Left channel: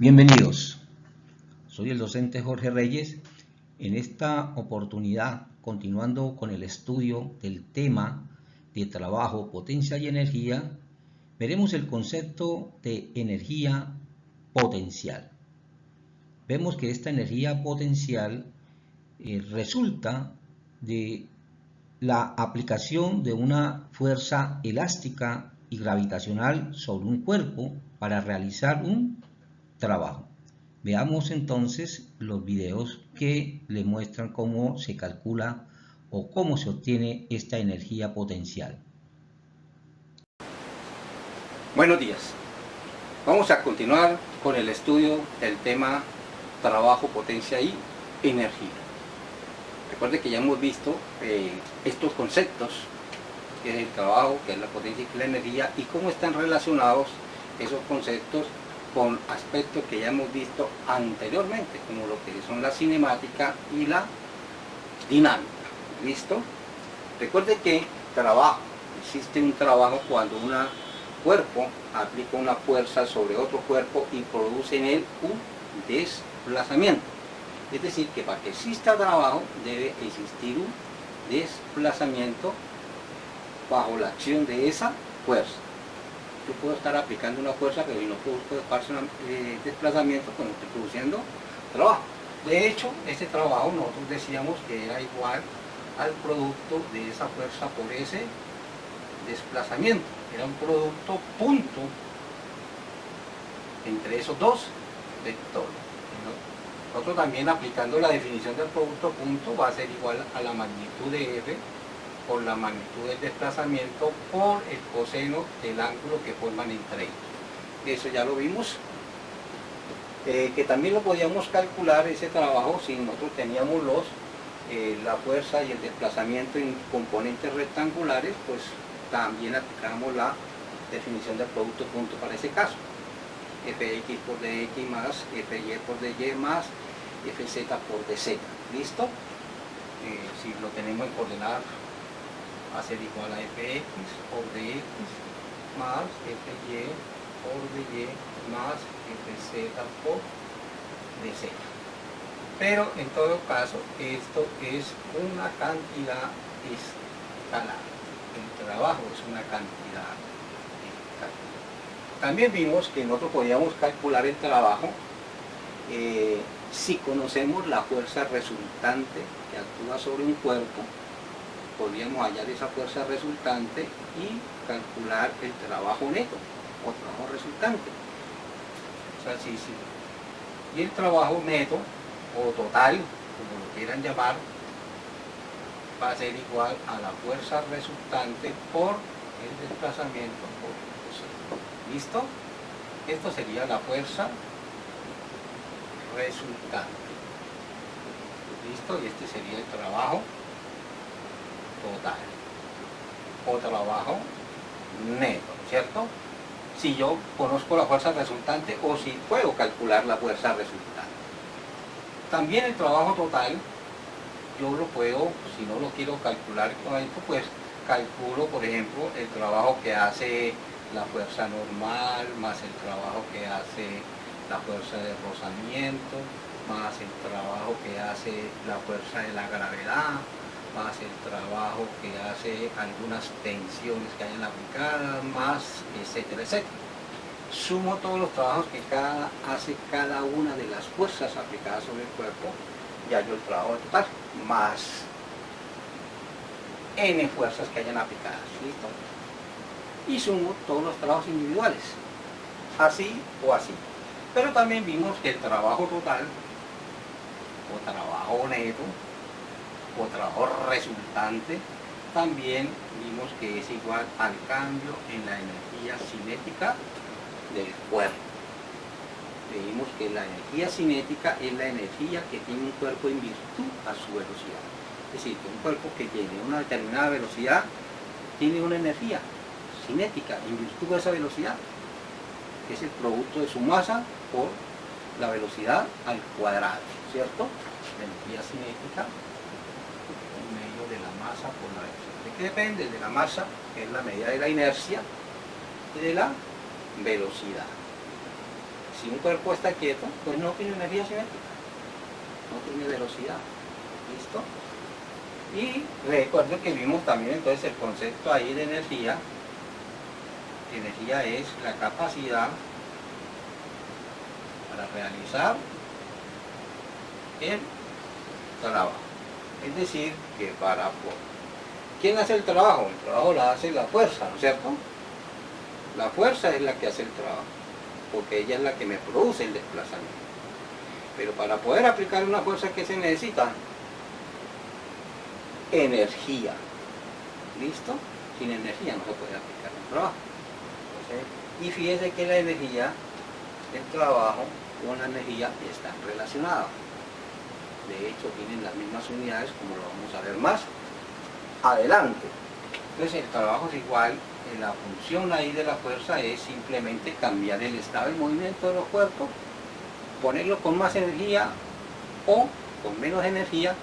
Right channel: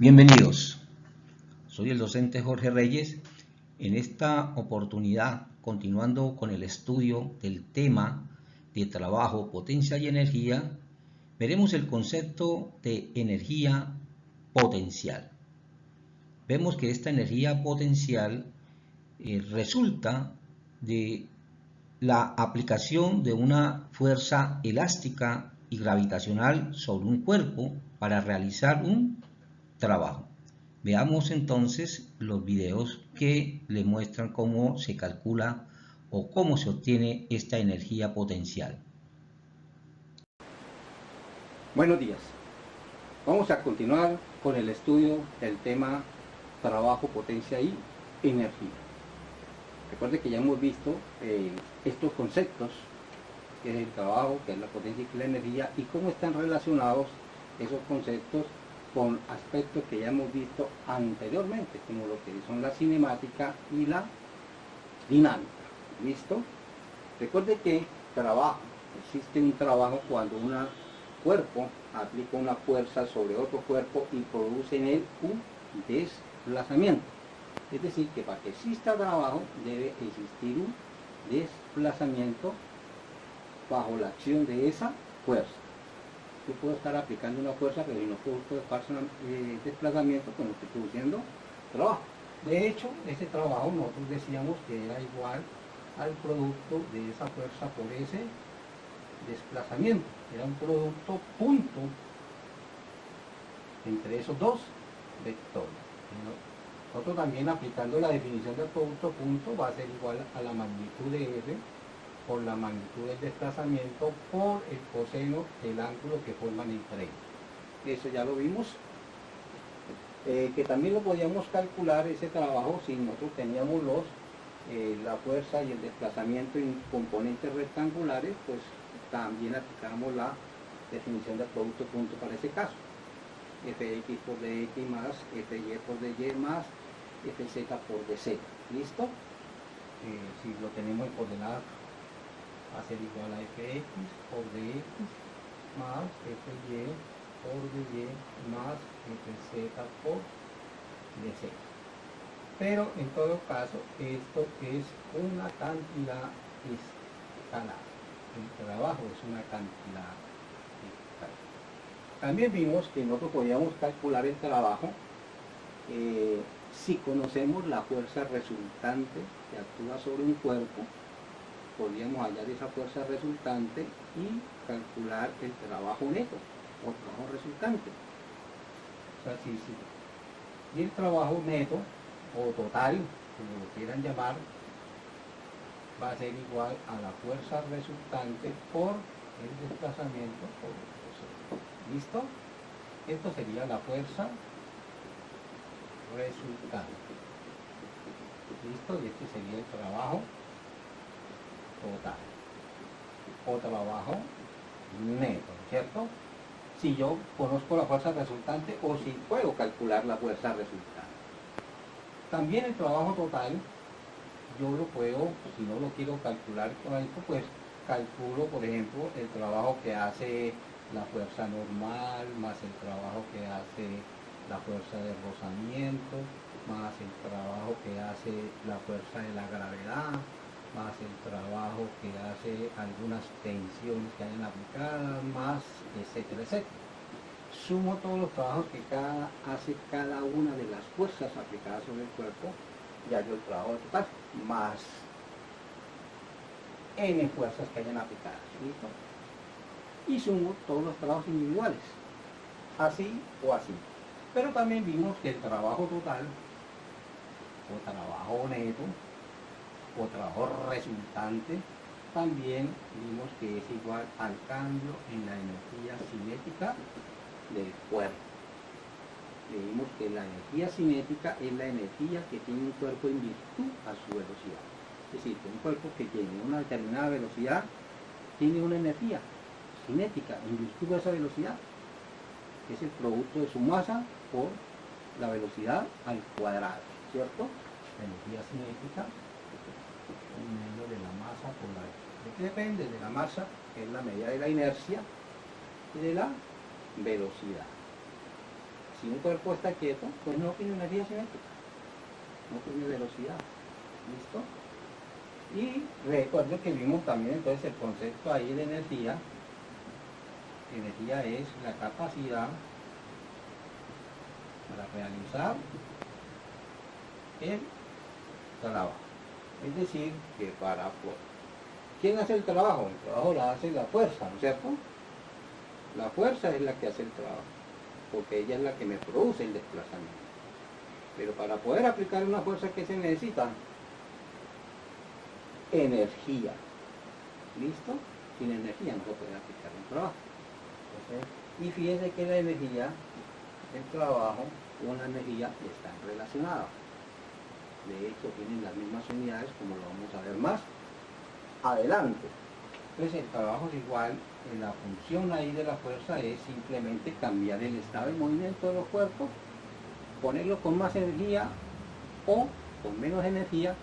Bienvenidos, soy el docente Jorge Reyes. En esta oportunidad, continuando con el estudio del tema de trabajo, potencia y energía, veremos el concepto de energía potencial. Vemos que esta energía potencial resulta de la aplicación de una fuerza elástica y gravitacional sobre un cuerpo para realizar un trabajo. Veamos entonces los videos que le muestran cómo se calcula o cómo se obtiene esta energía potencial. Buenos días. Vamos a continuar con el estudio del tema trabajo, potencia y energía. Recuerde que ya hemos visto estos conceptos, que es el trabajo, que es la potencia y que es la energía, y cómo están relacionados esos conceptos con aspectos que ya hemos visto anteriormente, como lo que son la cinemática y la dinámica. ¿Listo? Recuerde que trabajo, existe un trabajo cuando un cuerpo aplica una fuerza sobre otro cuerpo y produce en él un desplazamiento. Es decir, que para que exista trabajo debe existir un desplazamiento bajo la acción de esa fuerza. Yo puedo estar aplicando una fuerza, pero si no produzco desplazamiento, pues no estoy produciendo trabajo. De hecho, este trabajo nosotros decíamos que era igual al producto de esa fuerza por ese desplazamiento. Era un producto punto entre esos dos vectores. Nosotros también, aplicando la definición del producto punto, va a ser igual a la magnitud de F por la magnitud del desplazamiento por el coseno del ángulo que forman entre ellos. Eso ya lo vimos, que también lo podíamos calcular ese trabajo si nosotros teníamos la fuerza y el desplazamiento en componentes rectangulares, pues también aplicamos la definición del producto punto para ese caso. Fx por dx más Fy por dy más Fz por dz. ¿Listo? Si lo tenemos en coordenadas, va a ser igual a Fx por dx más Fy por dy más Fz por dz. Pero en todo caso, esto es una cantidad escalar. El trabajo es una cantidad escalar. También vimos que nosotros podíamos calcular el trabajo si conocemos la fuerza resultante que actúa sobre un cuerpo. Podríamos hallar esa fuerza resultante y calcular el trabajo neto o trabajo resultante. O sea, sí. Y el trabajo neto o total, como lo quieran llamar, va a ser igual a la fuerza resultante por el desplazamiento por el coseno. ¿Listo? Esto sería la fuerza resultante. ¿Listo? Y este sería el trabajo total o trabajo neto, ¿no es cierto? Si yo conozco la fuerza resultante o si puedo calcular la fuerza resultante. También el trabajo total, yo lo puedo, si no lo quiero calcular con esto, pues calculo, por ejemplo, el trabajo que hace la fuerza normal, más el trabajo que hace la fuerza de rozamiento, más el trabajo que hace la fuerza de la gravedad, más el trabajo que hace algunas tensiones que hayan aplicadas, más etcétera, etcétera. Sumo todos los trabajos que hace cada una de las fuerzas aplicadas sobre el cuerpo y hallo el trabajo total, más n fuerzas que hayan aplicadas. ¿Listo? Y sumo todos los trabajos individuales, así o así. Pero también vimos que el trabajo total, o trabajo neto, o trabajo resultante, también vimos que es igual al cambio en la energía cinética del cuerpo. Vimos que la energía cinética es la energía que tiene un cuerpo en virtud a su velocidad. Es decir, que un cuerpo que tiene una determinada velocidad tiene una energía cinética en virtud de esa velocidad, que es el producto de su masa por la velocidad al cuadrado, ¿cierto? La energía cinética en medio de la masa por la velocidad. ¿De qué depende? De la masa, que es la medida de la inercia, y de la velocidad. Si un cuerpo está quieto, pues no tiene energía cinética, no tiene velocidad. ¿Listo? Y recuerdo que vimos también entonces el concepto ahí de energía. Energía es la capacidad para realizar el trabajo. Es decir, que ¿quién hace el trabajo? El trabajo lo hace la fuerza, ¿no es cierto? La fuerza es la que hace el trabajo, porque ella es la que me produce el desplazamiento. Pero para poder aplicar una fuerza, que se necesita? Energía. ¿Listo? Sin energía no se puede aplicar un trabajo. Entonces, y fíjese que la energía, el trabajo con la energía están relacionados. De hecho, tienen las mismas unidades, como lo vamos a ver más adelante. Entonces, el trabajo es igual. La función ahí de la fuerza es simplemente cambiar el estado de movimiento de los cuerpos, ponerlo con más energía o con menos energía.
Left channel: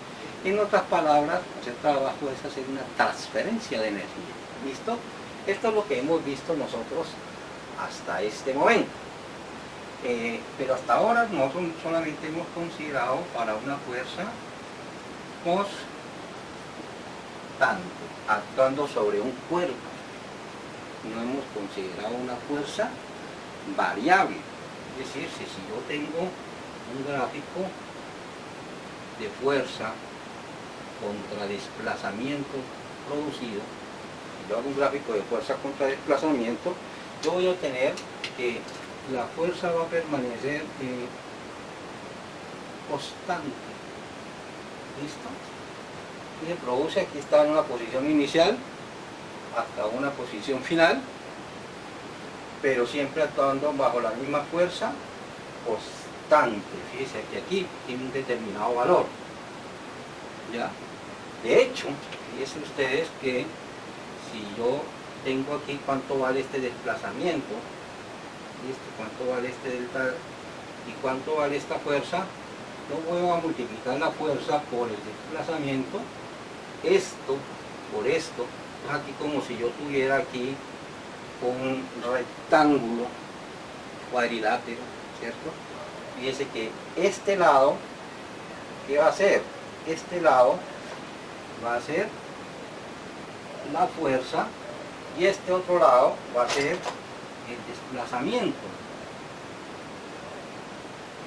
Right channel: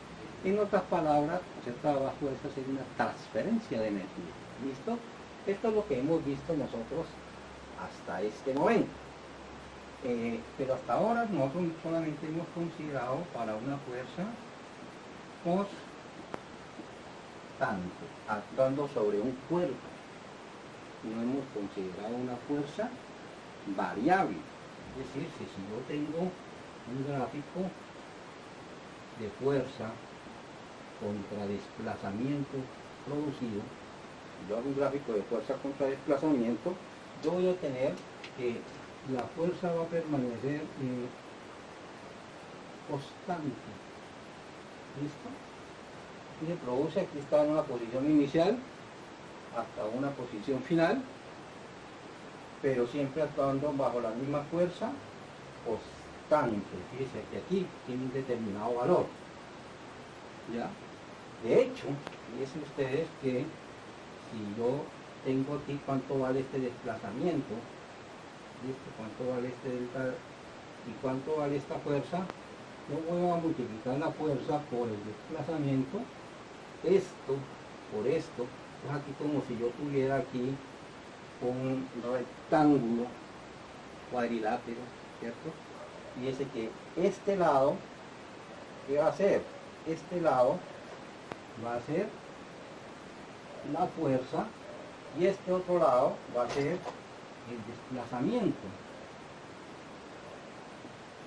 En otras palabras, hacer trabajo es hacer una transferencia de energía. ¿Listo? Esto es lo que hemos visto nosotros hasta este momento. Pero hasta ahora nosotros solamente hemos considerado para una fuerza constante, actuando sobre un cuerpo. No hemos considerado una fuerza variable. Es decir, si yo tengo un gráfico de fuerza contra desplazamiento producido, si yo hago un gráfico de fuerza contra desplazamiento, yo voy a obtener que la fuerza va a permanecer constante. ¿Listo? Y se produce, aquí está en una posición inicial hasta una posición final, pero siempre actuando bajo la misma fuerza constante. Fíjense que aquí tiene un determinado valor. ¿Ya? De hecho, fíjense ustedes que si yo tengo aquí cuánto vale este desplazamiento, ¿listo? Cuánto vale este delta y cuánto vale esta fuerza, yo voy a multiplicar la fuerza por el desplazamiento, esto por esto. Entonces aquí como si yo tuviera aquí un rectángulo cuadrilátero, ¿cierto? Fíjense que este lado, ¿qué va a hacer? Este lado va a ser la fuerza y este otro lado va a ser el desplazamiento.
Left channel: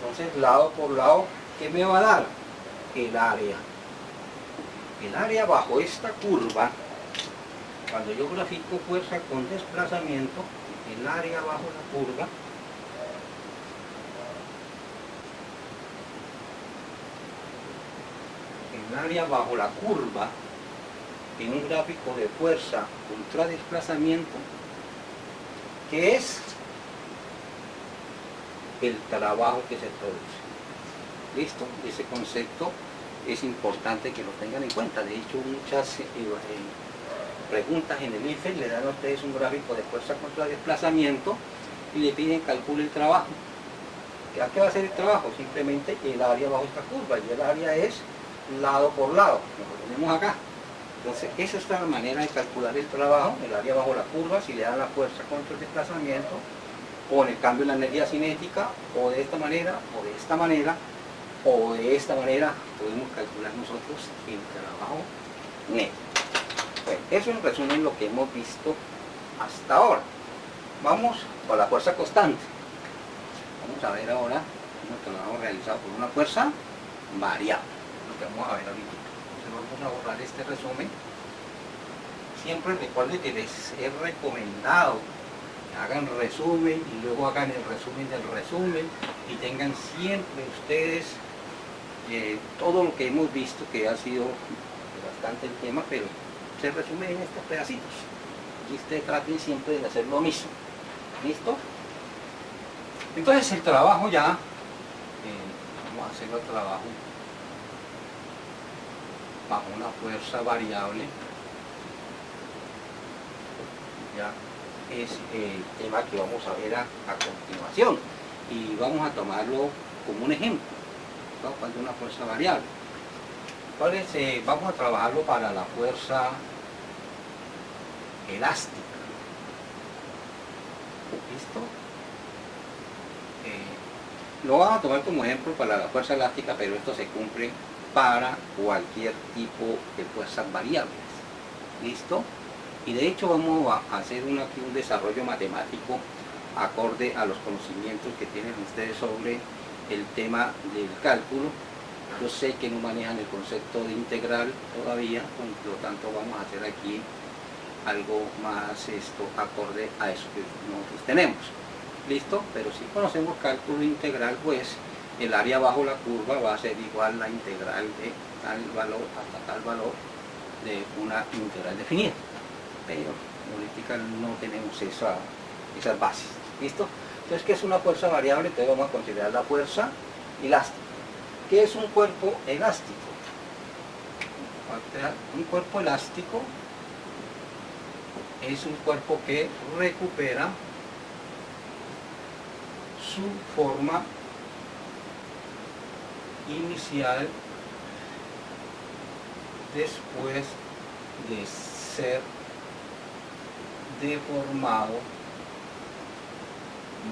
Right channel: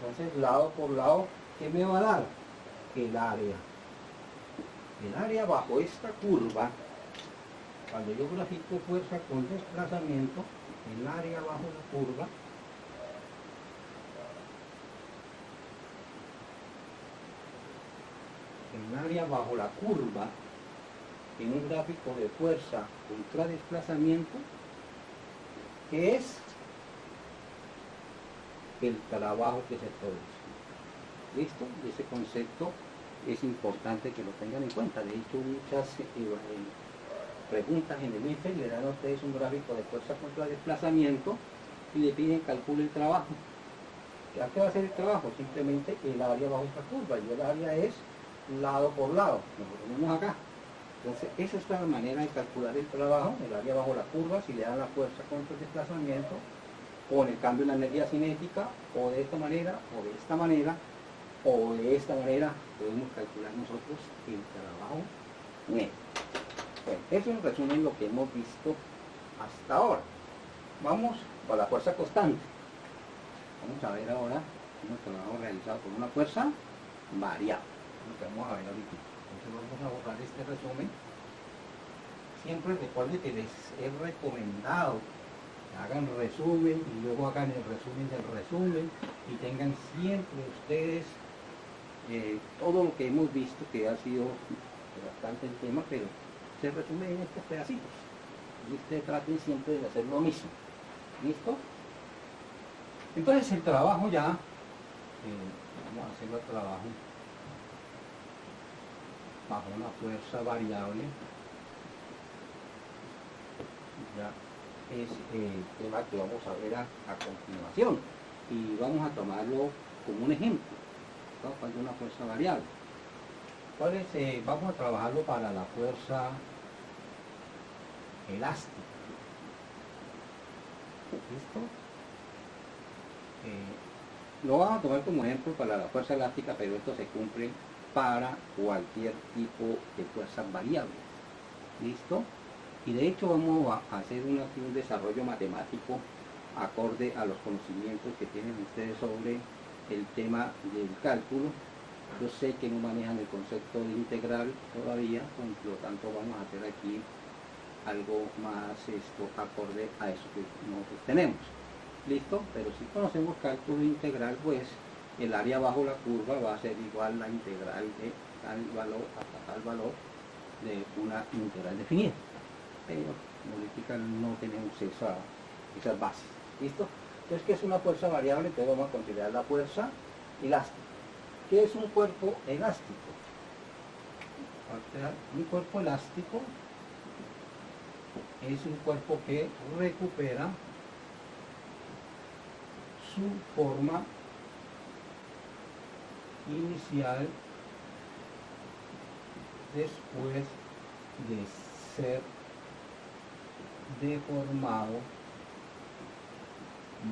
Entonces, lado por lado, ¿qué me va a dar? El área. El área bajo esta curva, cuando yo grafico fuerza con desplazamiento, el área bajo la curva en un gráfico de fuerza contra desplazamiento, que es el trabajo que se produce. ¿Listo? Ese concepto es importante que lo tengan en cuenta. De hecho, muchas preguntas en el IFE le dan a ustedes un gráfico de fuerza contra desplazamiento y le piden calcule el trabajo. ¿A qué va a ser el trabajo? Simplemente el área bajo esta curva, y el área es lado por lado, como lo tenemos acá. Entonces, esa es la manera de calcular el trabajo, el área bajo la curva, si le dan la fuerza contra el desplazamiento, o en el cambio en la energía cinética, o de esta manera, o de esta manera, o de esta manera, podemos calcular nosotros el trabajo neto. Bueno, eso en resumen lo que hemos visto hasta ahora. Vamos a la fuerza constante. Vamos a ver ahora un trabajo realizado por una fuerza variable, lo que vamos a ver ahorita. Entonces vamos a borrar este resumen. Siempre recuerden que les he recomendado que hagan resumen y luego hagan el resumen del resumen y tengan siempre ustedes todo lo que hemos visto, que ha sido bastante el tema, pero se resume en estos pedacitos. Y ustedes traten siempre de hacer lo mismo. ¿Listo? Entonces el trabajo ya, vamos a hacer el trabajo bajo una fuerza variable, ya es el tema que vamos a ver a continuación, y vamos a tomarlo como un ejemplo, ¿no? Cuando una fuerza variable. Entonces vamos a trabajarlo para la fuerza elástica. ¿Listo? lo vamos a tomar como ejemplo para la fuerza elástica, pero esto se cumple para cualquier tipo de fuerzas variables. ¿Listo? Y de hecho vamos a hacer aquí un desarrollo matemático acorde a los conocimientos que tienen ustedes sobre el tema del cálculo. Yo sé que no manejan el concepto de integral todavía, por lo tanto vamos a hacer aquí algo más acorde a eso que nosotros tenemos. ¿Listo? Pero si conocemos cálculo integral, pues el área bajo la curva va a ser igual a la integral de tal valor hasta tal valor de una integral definida. Pero en política no tenemos esas bases. ¿Listo? Entonces, ¿qué es una fuerza variable? Entonces vamos a considerar la fuerza elástica. ¿Qué es un cuerpo elástico? Un cuerpo elástico es un cuerpo que recupera su forma inicial después de ser deformado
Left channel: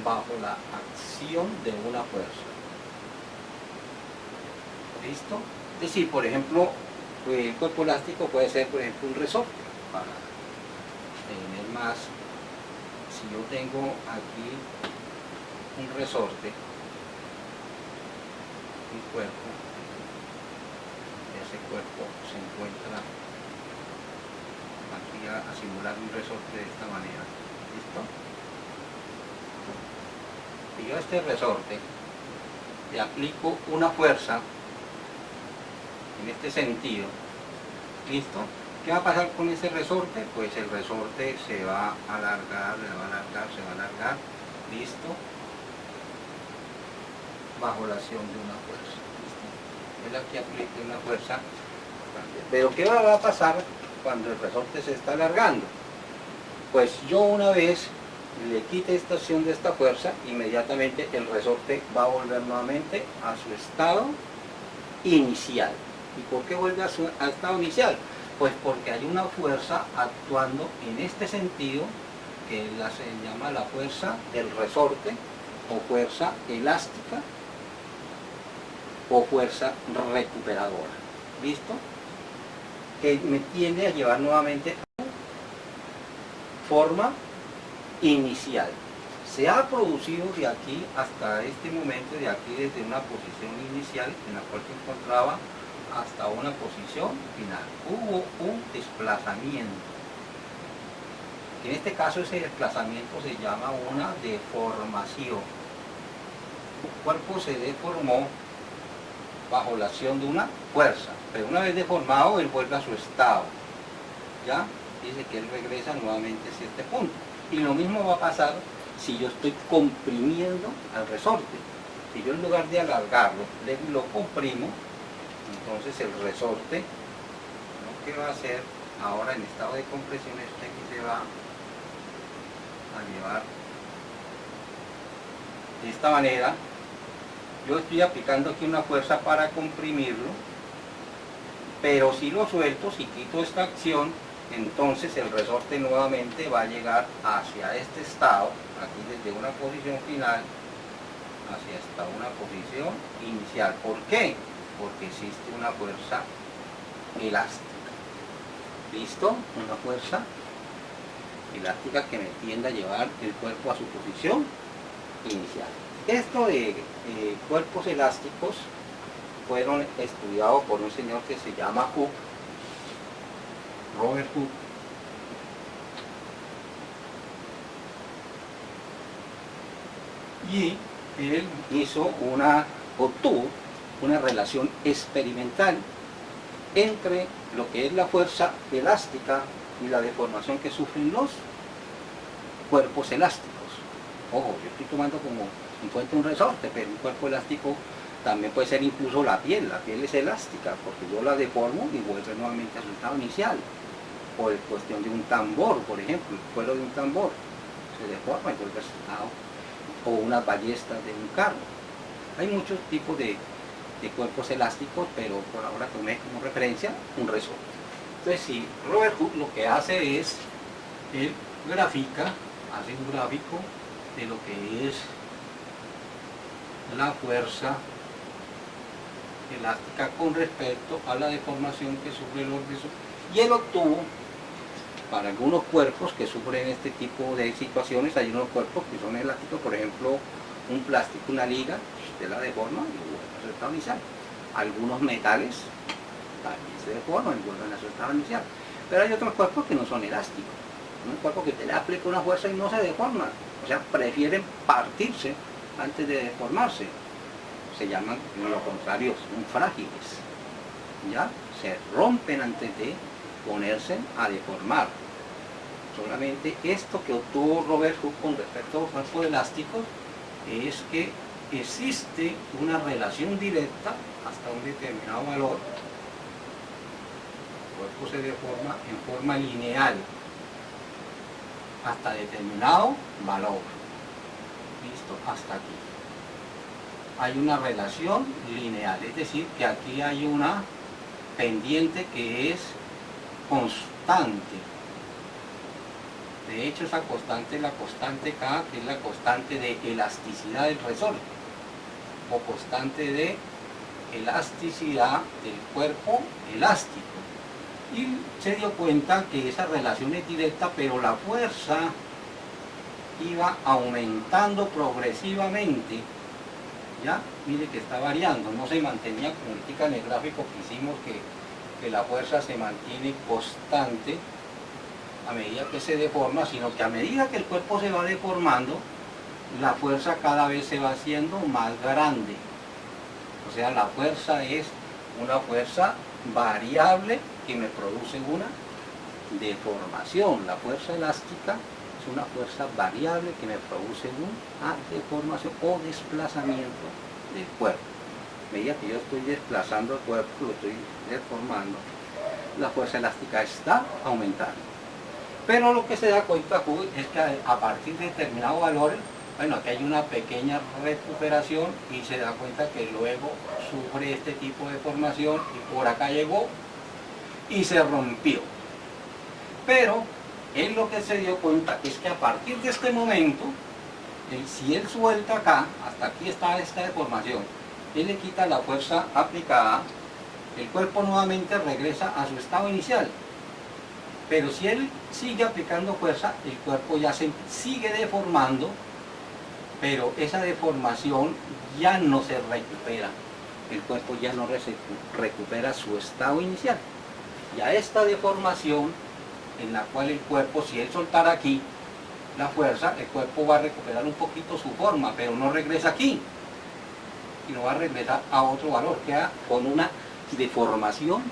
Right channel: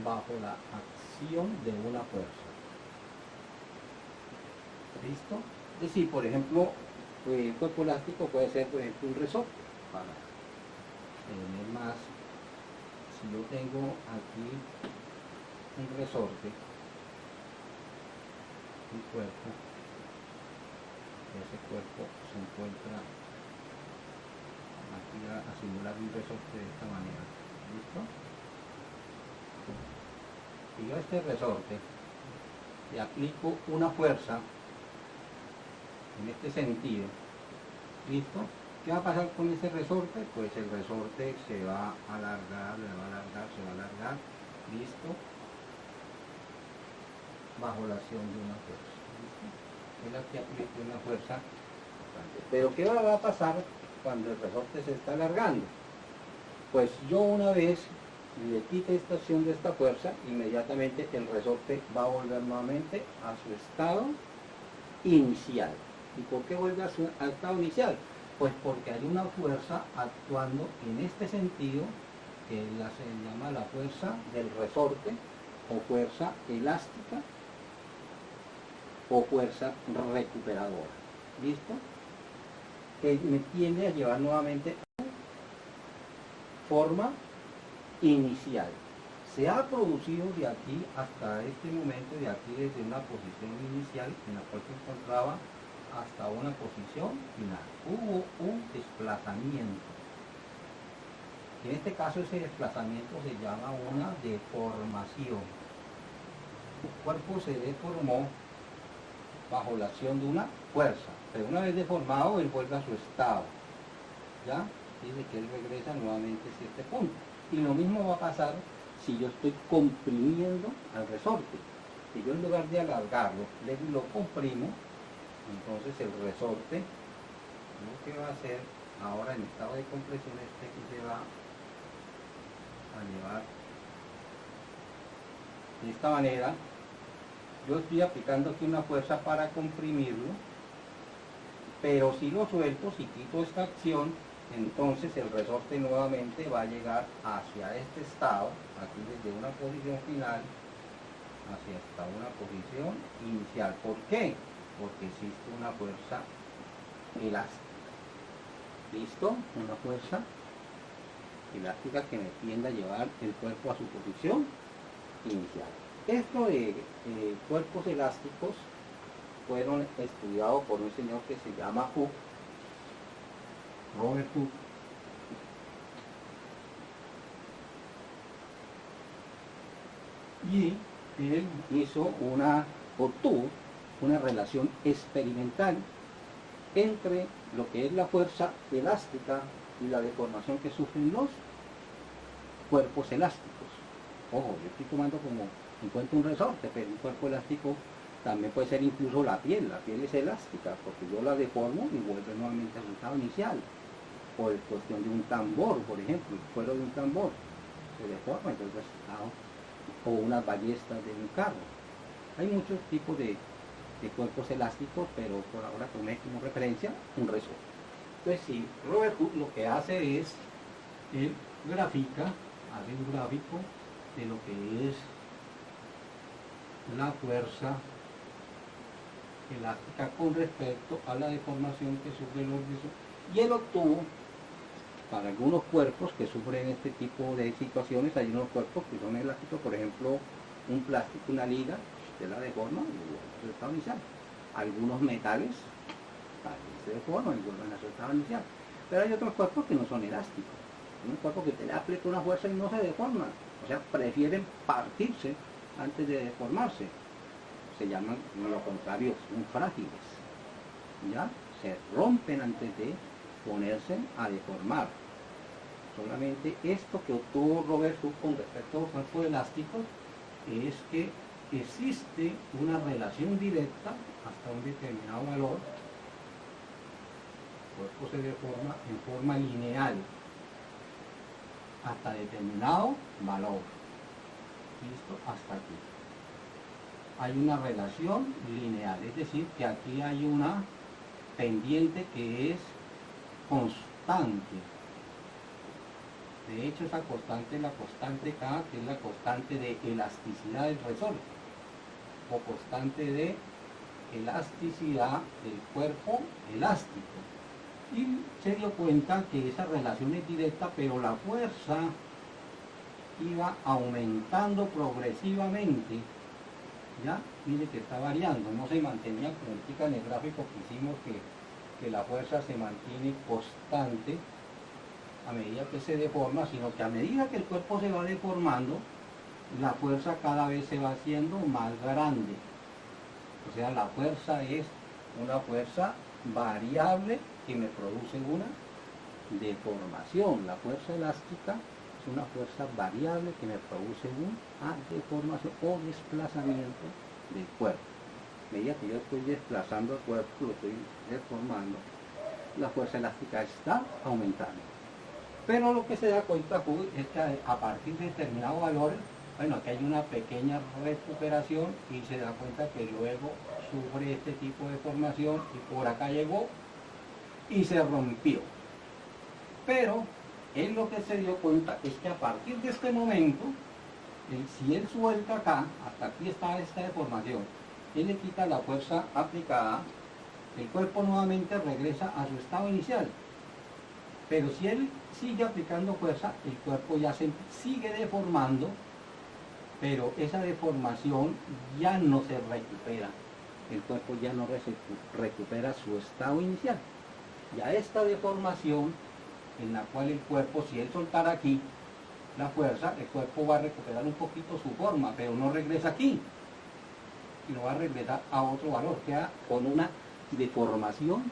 bajo la acción de una fuerza. ¿Listo? Es decir, por ejemplo, el cuerpo elástico puede ser, por ejemplo, un resorte. Para tener más, si yo tengo aquí un resorte, un cuerpo, ese cuerpo se encuentra aquí a simular un resorte de esta manera. ¿Listo? Si yo a este resorte le aplico una fuerza en este sentido, ¿listo? ¿Qué va a pasar con ese resorte? Pues el resorte se va a alargar, se va a alargar, ¿listo? Bajo la acción de una fuerza, ¿listo? Es aquí aplique una fuerza bastante. Pero ¿qué va a pasar cuando el resorte se está alargando? Pues yo una vez le quite esta acción de esta fuerza, inmediatamente el resorte va a volver nuevamente a su estado inicial. ¿Y por qué vuelve a estado inicial? Pues porque hay una fuerza actuando en este sentido, que se llama la fuerza del resorte, o fuerza elástica, o fuerza recuperadora. ¿Listo? Que me tiende a llevar nuevamente a forma inicial. Se ha producido de aquí hasta este momento, de aquí desde una posición inicial en la cual se encontraba hasta una posición final. Hubo un desplazamiento. En este caso ese desplazamiento se llama una deformación. El cuerpo se deformó bajo la acción de una fuerza, pero una vez deformado él vuelve a su estado. ¿Ya? Dice que él regresa nuevamente hacia este punto. Y lo mismo va a pasar si yo estoy comprimiendo al resorte. Si yo en lugar de alargarlo, lo comprimo, entonces el resorte lo que va a hacer ahora en estado de compresión es que aquí se va a llevar de esta manera. Yo estoy aplicando aquí una fuerza para comprimirlo, pero si lo suelto, si quito esta acción, entonces el resorte nuevamente va a llegar hacia este estado, aquí desde una posición final, hacia hasta una posición inicial. ¿Por qué? Porque existe una fuerza elástica. ¿Listo? Una fuerza elástica que me tiende a llevar el cuerpo a su posición inicial. Esto de cuerpos elásticos fueron estudiados por un señor que se llama Hooke, Robert Hooke. Y él obtuvo una relación experimental entre lo que es la fuerza elástica y la deformación que sufren los cuerpos elásticos. Ojo, yo estoy tomando como en cuenta un resorte, pero un cuerpo elástico también puede ser incluso la piel es elástica, porque yo la deformo y vuelve nuevamente a su estado inicial. O en cuestión de un tambor, por ejemplo, el cuero de un tambor se deforma y vuelve a su estado. O unas ballestas de un carro. Hay muchos tipos de cuerpos elásticos, pero por ahora tomé como referencia un resorte. Entonces, si Robert Hooke lo que hace es, él grafica, hace un gráfico de lo que es la fuerza elástica con respecto a la deformación que sufre el organismo. Y él obtuvo, para algunos cuerpos que sufren este tipo de situaciones, hay unos cuerpos que son elásticos, por ejemplo, un plástico, una liga, usted la deforma y vuelve a su estado inicial. Algunos metales también se deforman y vuelven a su estado inicial. Pero hay otros cuerpos que no son elásticos. Un cuerpo que te le aplica una fuerza y no se deforma. O sea, prefieren partirse antes de deformarse. Se llaman, lo contrario, son frágiles. ¿Ya? Se rompen antes de ponerse a deformar. Solamente esto que obtuvo Robert Hooke con respecto a los cuerpos elásticos es que existe una relación directa hasta un determinado valor. El cuerpo se deforma en forma lineal hasta determinado valor. ¿Listo? Hasta aquí. Hay una relación lineal, es decir, que aquí hay una pendiente que es constante. De hecho, esa constante es la constante K, que es la constante de elasticidad del resorte, o constante de elasticidad del cuerpo elástico. Y se dio cuenta que esa relación es directa, pero la fuerza iba aumentando progresivamente. ¿Ya? Mire que está variando, no se mantenía, como indica en el gráfico que hicimos, que la fuerza se mantiene constante a medida que se deforma, sino que a medida que el cuerpo se va deformando, la fuerza cada vez se va haciendo más grande. O sea, la fuerza es una fuerza variable que me produce una deformación. La fuerza elástica es una fuerza variable que me produce una deformación o desplazamiento del cuerpo. A medida que yo estoy desplazando el cuerpo, lo estoy deformando, la fuerza elástica está aumentando. Pero lo que se da cuenta es que a partir de determinados valores, bueno, aquí hay una pequeña recuperación y se da cuenta que luego sufre este tipo de deformación y por acá llegó y se rompió. Pero él lo que se dio cuenta es que a partir de este momento, si él suelta acá, hasta aquí está esta deformación, él le quita la fuerza aplicada, el cuerpo nuevamente regresa a su estado inicial. Pero si él sigue aplicando fuerza, el cuerpo ya se sigue deformando, pero esa deformación ya no se recupera. El cuerpo ya no recupera su estado inicial. Y a esta deformación, en la cual el cuerpo, si él soltara aquí la fuerza, el cuerpo va a recuperar un poquito su forma, pero no regresa aquí, sino va a regresar a otro valor, queda con una deformación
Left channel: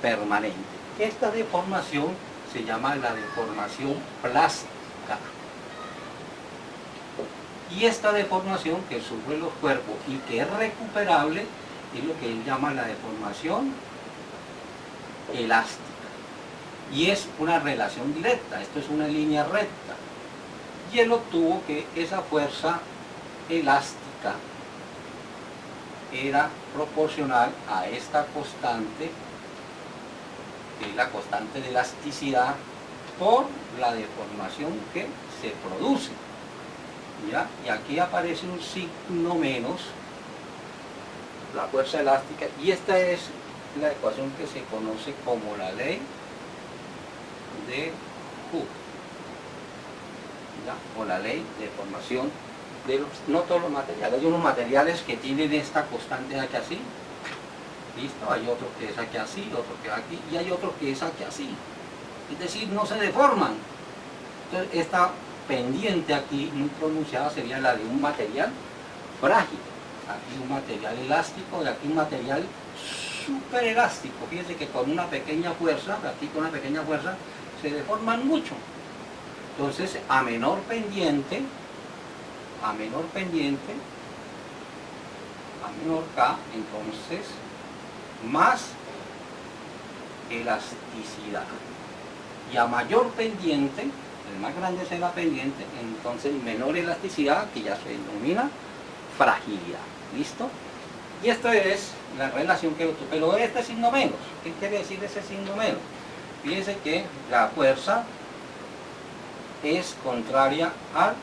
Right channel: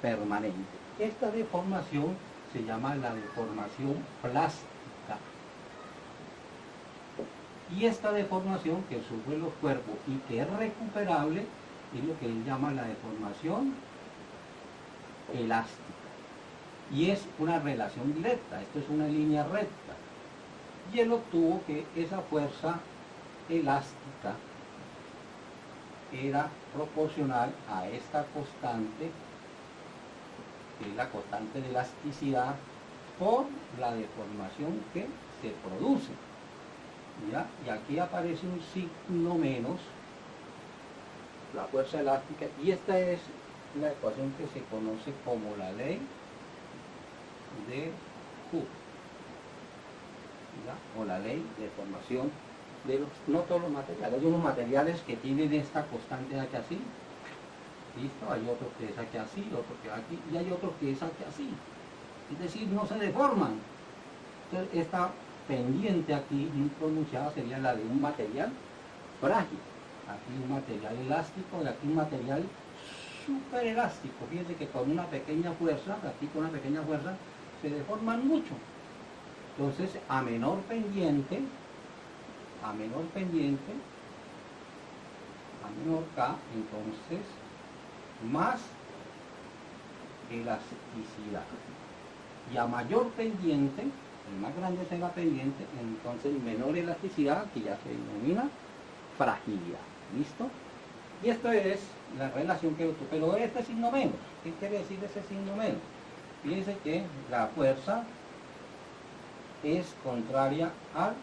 permanente. Esta deformación se llama la deformación plástica. Y esta deformación que sufren los cuerpos y que es recuperable es lo que él llama la deformación elástica. Y es una relación directa, esto es una línea recta. Y él obtuvo que esa fuerza elástica era proporcional a esta constante, que es la constante de elasticidad, por la deformación que se produce. ¿Ya? Y aquí aparece un signo menos, la fuerza elástica, y esta es la ecuación que se conoce como la ley de Hooke, ¿ya? O la ley de formación de no todos los materiales. Hay unos materiales que tienen esta constante aquí así, ¿listo? Hay otro que es aquí así, otro que es aquí, y hay otro que es aquí así. Es decir, no se deforman. Entonces, esta pendiente aquí, muy pronunciada, sería la de un material frágil. Aquí un material elástico y aquí un material súper elástico. Fíjense que con una pequeña fuerza, aquí con una pequeña fuerza, se deforman mucho. Entonces, a menor pendiente, a menor K, entonces, más elasticidad. Y a mayor pendiente, el más grande es la pendiente, entonces menor elasticidad, que ya se denomina fragilidad. ¿Listo? Y esta es la relación que obtuvo. Pero este signo menos, ¿qué quiere decir ese signo menos? Fíjense que la fuerza es contraria al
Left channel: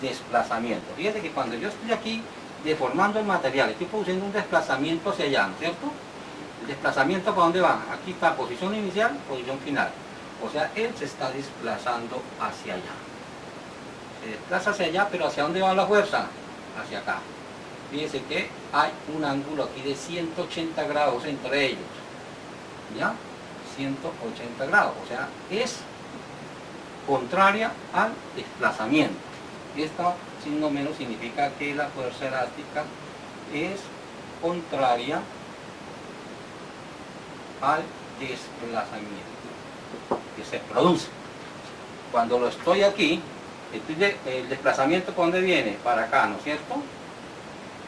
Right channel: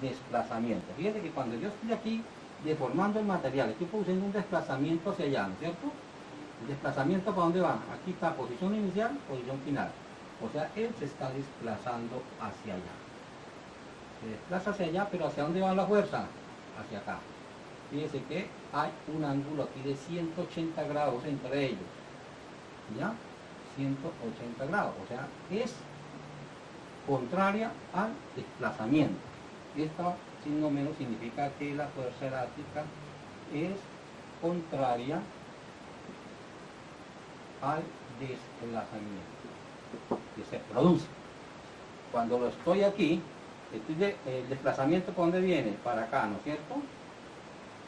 desplazamiento. Fíjense que cuando yo estoy aquí deformando el material, estoy produciendo un desplazamiento hacia allá, ¿no es cierto? ¿El desplazamiento para dónde va? Aquí está posición inicial, posición final. O sea, él se está desplazando hacia allá. Se desplaza hacia allá, pero ¿hacia dónde va la fuerza? Hacia acá. Fíjense que hay un ángulo aquí de 180 grados entre ellos. ¿Ya? 180 grados. O sea, es contraria al desplazamiento. Este signo menos significa que la fuerza elástica es contraria al desplazamiento que se produce. Cuando lo estoy aquí, el desplazamiento ¿por dónde viene? Para acá, ¿no es cierto?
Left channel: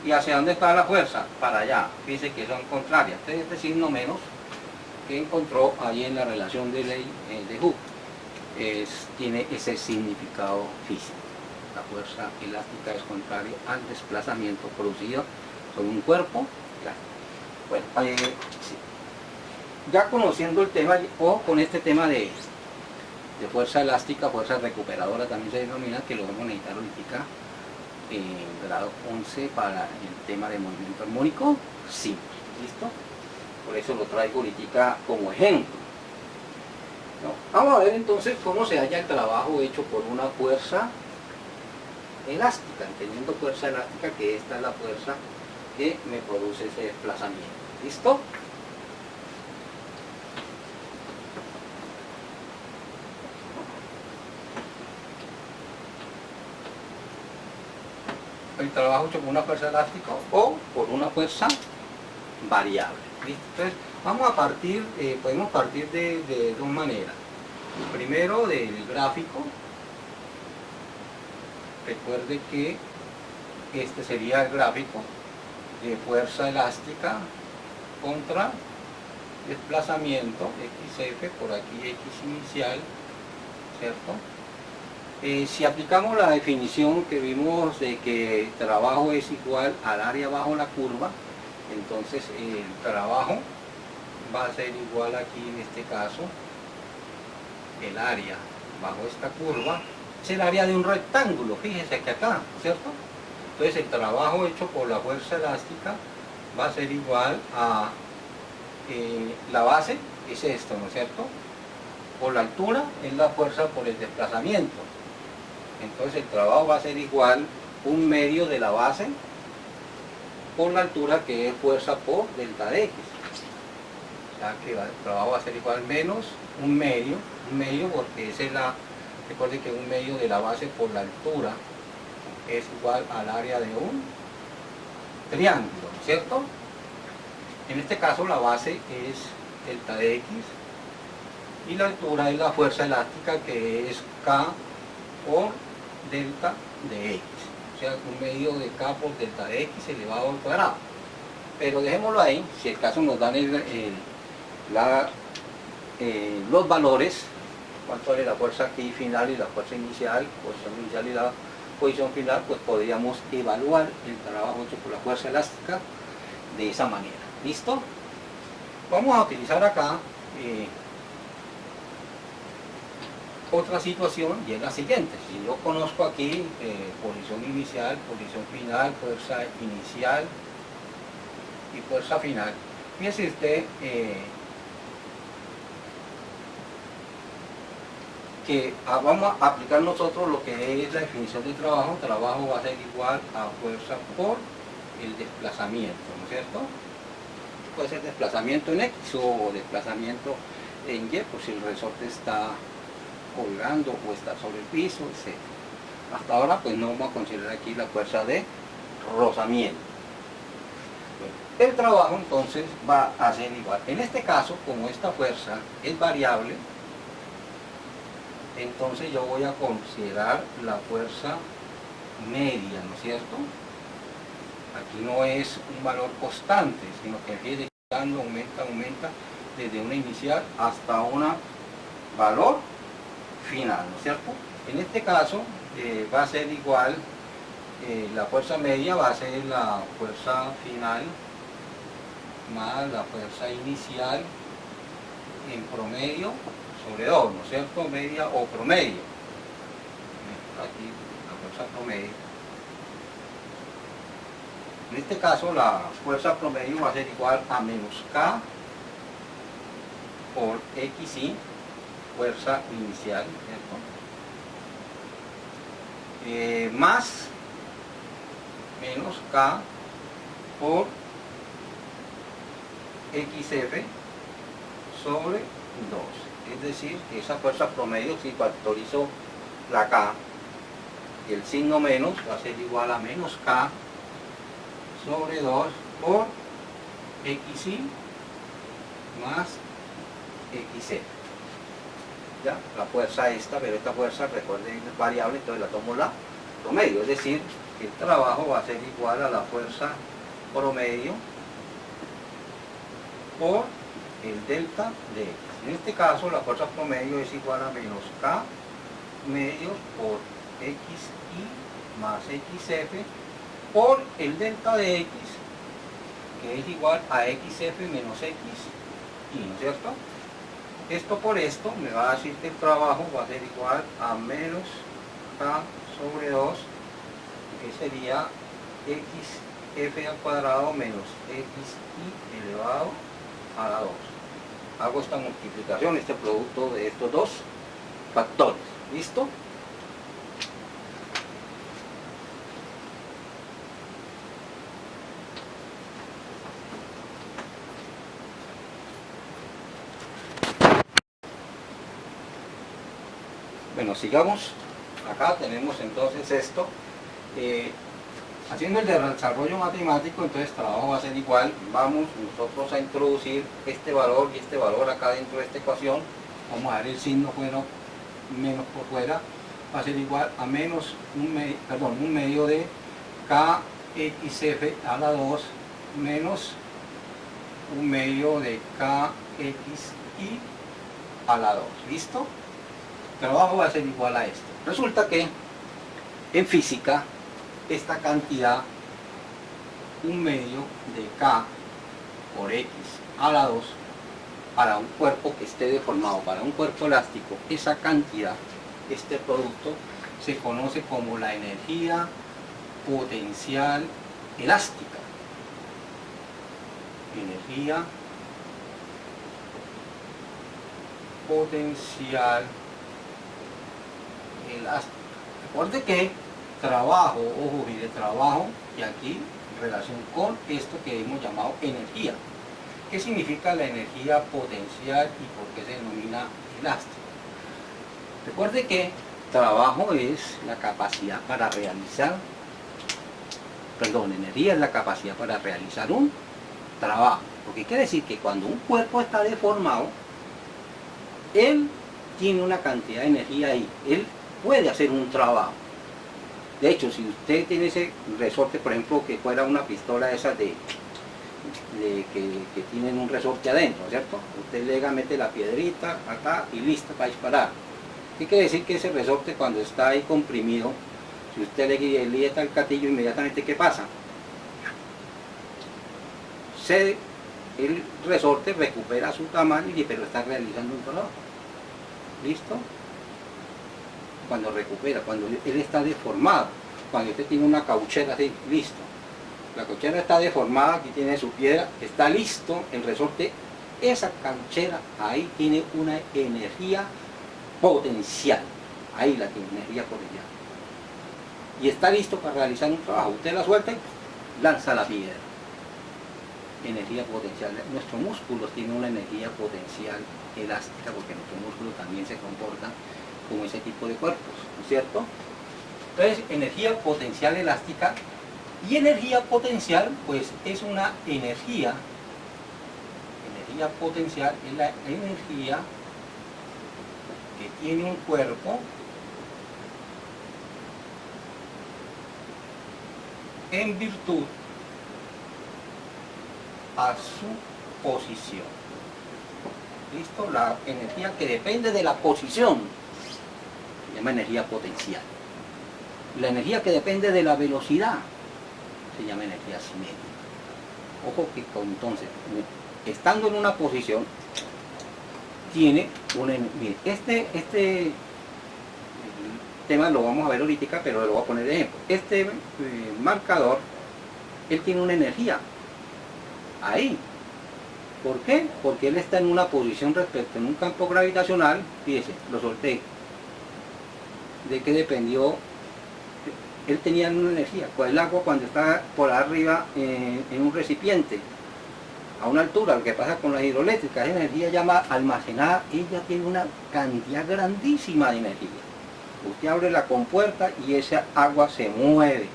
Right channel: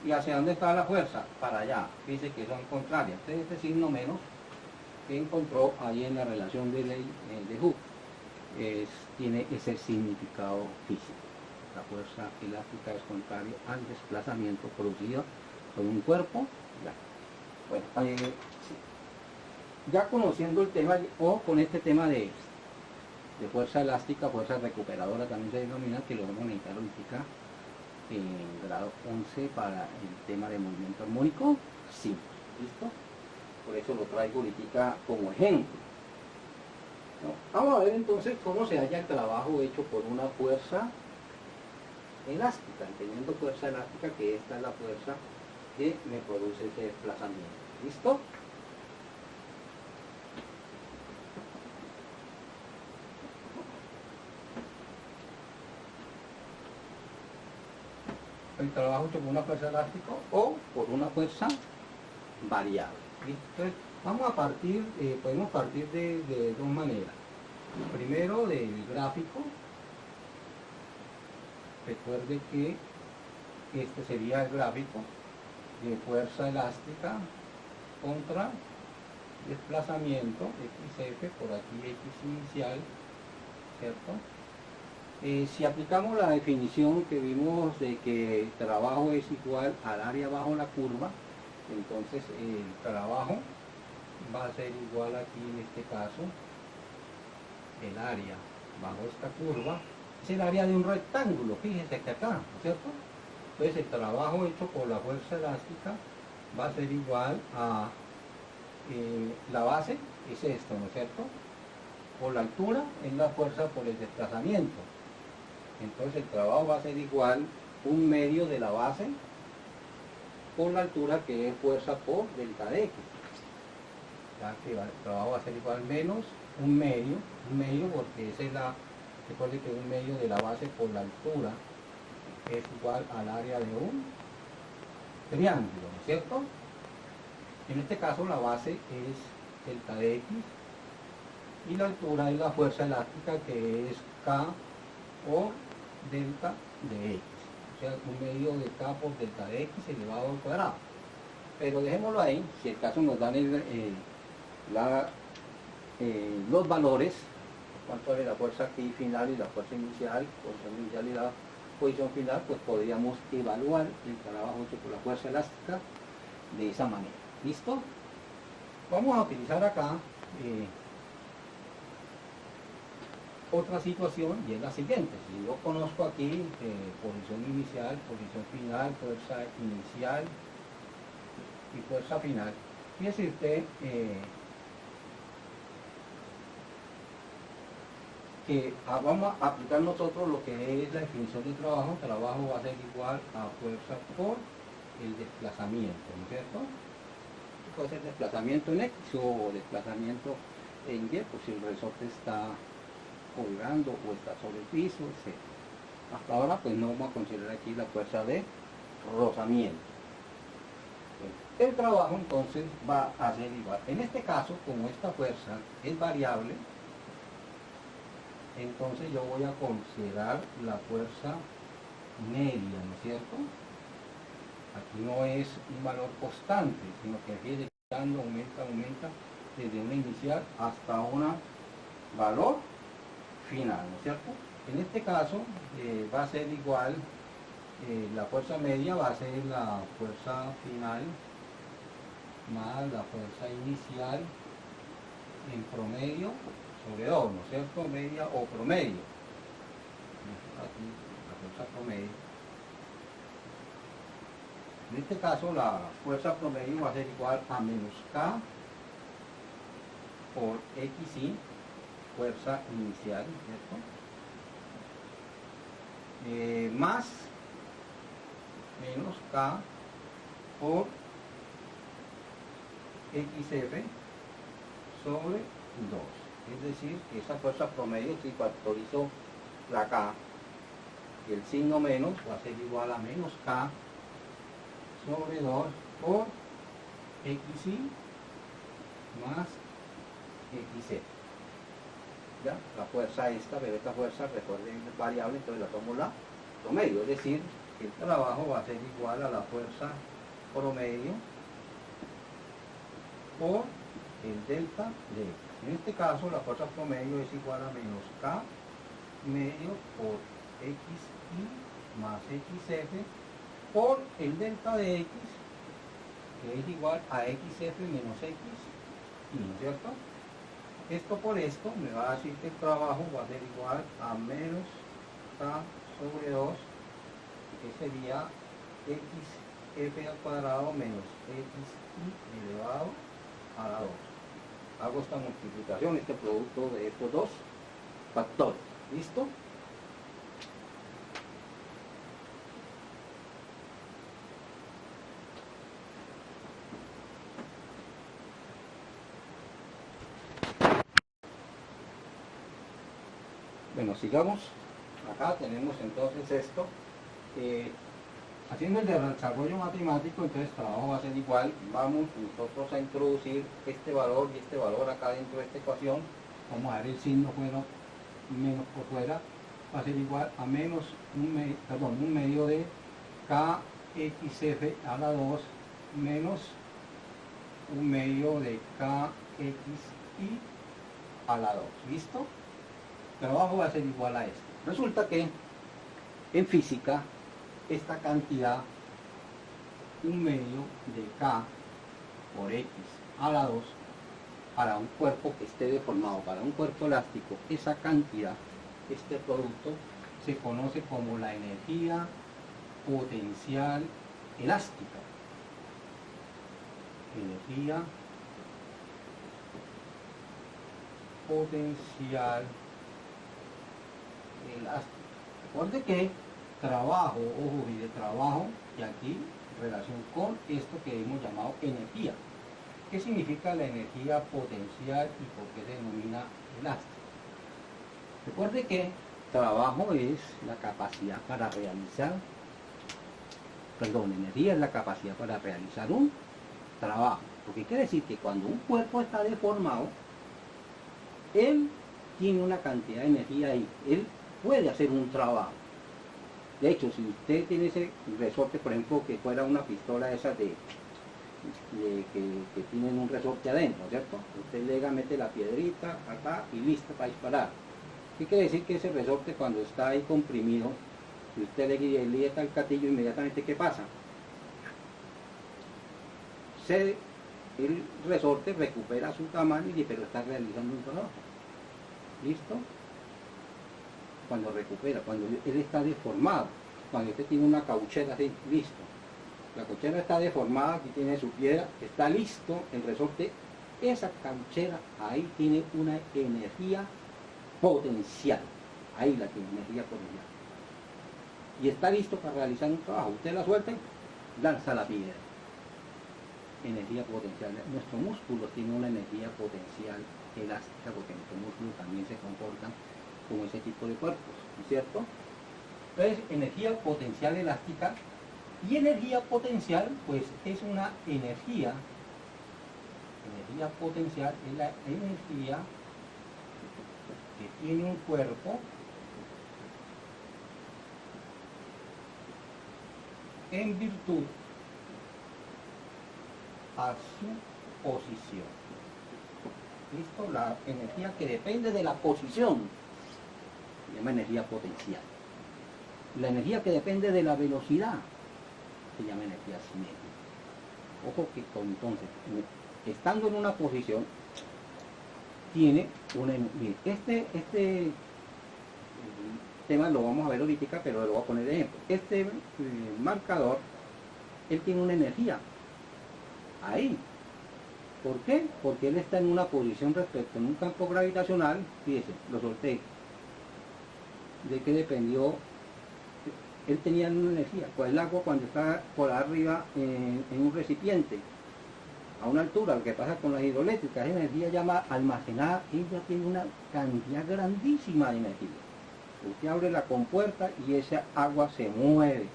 ¿Y hacia dónde está la fuerza? Para allá. Fíjense que son contrarias. Entonces este signo menos que encontró ahí en la relación de ley de Hooke tiene ese significado físico. La fuerza elástica es contraria al desplazamiento producido sobre un cuerpo. Bueno, sí. Ya conociendo el tema, o con este tema de fuerza elástica, fuerza recuperadora también se denomina, que lo vamos a necesitar ahorita en grado 11 para el tema de movimiento armónico simple. ¿Listo? Por eso lo traigo ahorita como ejemplo. ¿No? Vamos a ver entonces cómo se halla el trabajo hecho por una fuerza elástica, entendiendo fuerza elástica que esta es la fuerza que me produce ese desplazamiento. ¿Listo? El trabajo hecho por una fuerza elástica o por una fuerza variable. ¿Listo? Entonces, vamos a partir, podemos partir de dos maneras. Primero, del gráfico. Recuerde que este sería el gráfico de fuerza elástica contra desplazamiento XF, por aquí X inicial, ¿cierto? Si aplicamos la definición que vimos de que el trabajo es igual al área bajo la curva, entonces el trabajo va a ser igual aquí en este caso, el área bajo esta curva, es el área de un rectángulo, fíjese que acá, ¿cierto? Entonces el trabajo hecho por la fuerza elástica va a ser igual a la base, es esto, ¿no es cierto? Por la altura es la fuerza por el desplazamiento. Entonces el trabajo va a ser igual un medio de la base por la altura, que es fuerza por delta de X. O sea que el trabajo va a ser igual menos un medio porque esa es la, recuerden que un medio de la base por la altura es igual al área de un triángulo, ¿no es cierto? En este caso la base es delta de X y la altura es la fuerza elástica, que es K por delta de X. O sea, un medio de K por delta de X elevado al cuadrado. Pero dejémoslo ahí, si el caso nos dan los valores, cuánto vale la fuerza aquí final y la fuerza inicial, posición inicial y la posición final, pues podríamos evaluar el trabajo hecho por la fuerza elástica de esa manera. ¿Listo? Vamos a utilizar acá otra situación, y es la siguiente. Si yo conozco aquí posición inicial, posición final, fuerza inicial y fuerza final, fíjese usted que vamos a aplicar nosotros lo que es la definición de trabajo. Trabajo va a ser igual a fuerza por el desplazamiento, ¿no es cierto? Puede ser desplazamiento en X o desplazamiento en Y, por si el resorte está colgando o está sobre el piso, etc. Hasta ahora pues no vamos a considerar aquí la fuerza de rozamiento. Bueno, el trabajo entonces va a ser igual. En este caso, como esta fuerza es variable, entonces yo voy a considerar la fuerza media, ¿no es cierto? Aquí no es un valor constante, sino que fíjese que aumenta desde una inicial hasta un valor final, ¿no es cierto? En este caso va a ser igual, la fuerza media va a ser la fuerza final más la fuerza inicial en promedio sobre 2, ¿no es cierto? Media o promedio. Aquí la fuerza promedio En este caso la fuerza promedio va a ser igual a menos K por XI, fuerza inicial, ¿cierto? Más menos K por XF sobre 2. Es decir, que esa fuerza promedio, si factorizo la K y el signo menos, va a ser igual a menos K sobre 2 por XI más XF. ¿Ya? La fuerza esta, pero esta fuerza, recuerden, es variable, entonces la tomo la promedio. Es decir, que el trabajo va a ser igual a la fuerza promedio por el delta de X. En este caso, la fuerza promedio es igual a menos K medios por XI más XF por el delta de X, que es igual a XF menos XI, ¿no es cierto? Esto por esto me va a decir que el trabajo va a ser igual a menos K sobre 2, que sería XF al cuadrado menos XI elevado a la 2. Hago esta multiplicación, este producto de estos dos factores. ¿Listo? Bueno, sigamos. Acá tenemos entonces esto. Haciendo el desarrollo matemático, entonces el trabajo va a ser igual. Vamos nosotros a introducir este valor y este valor acá dentro de esta ecuación. Vamos a dar el signo fuera, menos por fuera. Va a ser igual a menos un medio de KXF a la 2 menos un medio de KXI a la 2. ¿Listo? El trabajo va a ser igual a esto. Resulta que en física esta cantidad, un medio de K por X a la 2, para un cuerpo que esté deformado, para un cuerpo elástico, esa cantidad, este producto, se conoce como la energía potencial elástica. Energía potencial elástica. Recuerde que trabajo, ojo, mire, trabajo, y aquí en relación con esto que hemos llamado energía. ¿Qué significa la energía potencial y por qué se denomina elástica? Recuerde que trabajo es la capacidad para realizar, energía es la capacidad para realizar un trabajo. Porque quiere decir que cuando un cuerpo está deformado, él tiene una cantidad de energía ahí, él puede hacer un trabajo. De hecho, si usted tiene ese resorte, por ejemplo, que fuera una pistola esas que tienen un resorte adentro, ¿cierto? Usted le mete la piedrita acá y listo para disparar. ¿Qué quiere decir? Que ese resorte, cuando está ahí comprimido, si usted le aprieta el gatillo, inmediatamente, ¿qué pasa? El resorte recupera su tamaño, pero está realizando un trabajo. ¿Listo? Cuando recupera, cuando él está deformado, cuando usted tiene una cauchera así, listo. La cauchera está deformada, aquí tiene su piedra, está listo el resorte, esa cauchera ahí tiene una energía potencial, ahí la tiene, energía potencial. Y está listo para realizar un trabajo, usted la suelta y lanza la piedra. Energía potencial. Nuestros músculos tienen una energía potencial elástica porque nuestros músculos también se comportan como ese tipo de cuerpos, ¿no es cierto? Entonces, energía potencial elástica y energía potencial, pues es una energía potencial es la energía que tiene un cuerpo en virtud a su posición. ¿Listo? La energía que depende de la posición se llama energía potencial. La energía que depende de la velocidad se llama energía cinética. Ojo que entonces, estando en una posición, tiene una... Mire, este tema lo vamos a ver ahorita, pero lo voy a poner de ejemplo. Este marcador él tiene una energía ahí. ¿Por qué? Porque él está en una posición respecto en un campo gravitacional, fíjese, lo solté. ¿De qué dependió? Él tenía una energía. Pues el agua cuando está por arriba en un recipiente, a una altura, lo que pasa con las hidroeléctricas, esa energía ya almacenada, ella tiene una cantidad grandísima de energía. Usted abre la compuerta y esa agua se mueve.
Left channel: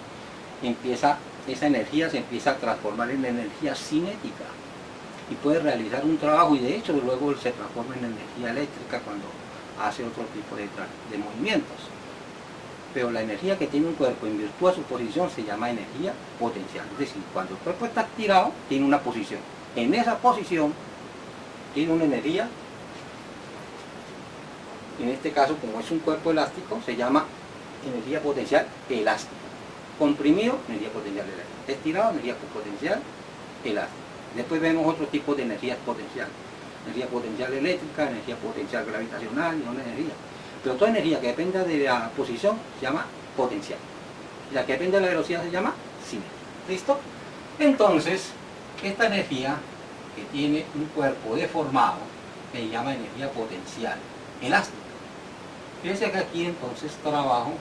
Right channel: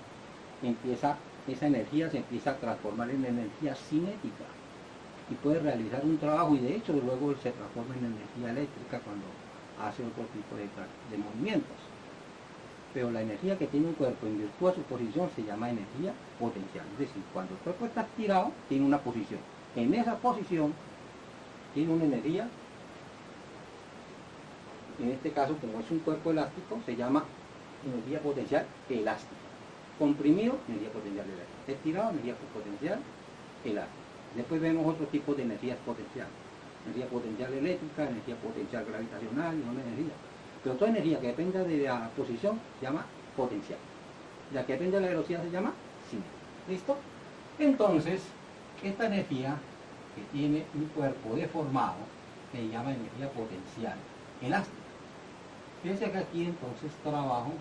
Esa energía se empieza a transformar en energía cinética y puede realizar un trabajo, y de hecho luego se transforma en energía eléctrica cuando hace otro tipo de movimientos. Pero la energía que tiene un cuerpo en virtud de su posición se llama energía potencial. Es decir, cuando el cuerpo está estirado, tiene una posición. En esa posición tiene una energía. En este caso, como es un cuerpo elástico, se llama energía potencial elástica. Comprimido, energía potencial elástica. Estirado, energía potencial elástica. Después vemos otros tipos de energías potenciales. Energía potencial eléctrica, energía potencial gravitacional y una energía. Pero toda energía que dependa de la posición se llama potencial. Y la que depende de la velocidad se llama cinética. ¿Listo? Entonces, esta energía que tiene un cuerpo deformado se llama energía potencial elástica. Fíjense que aquí entonces trabajo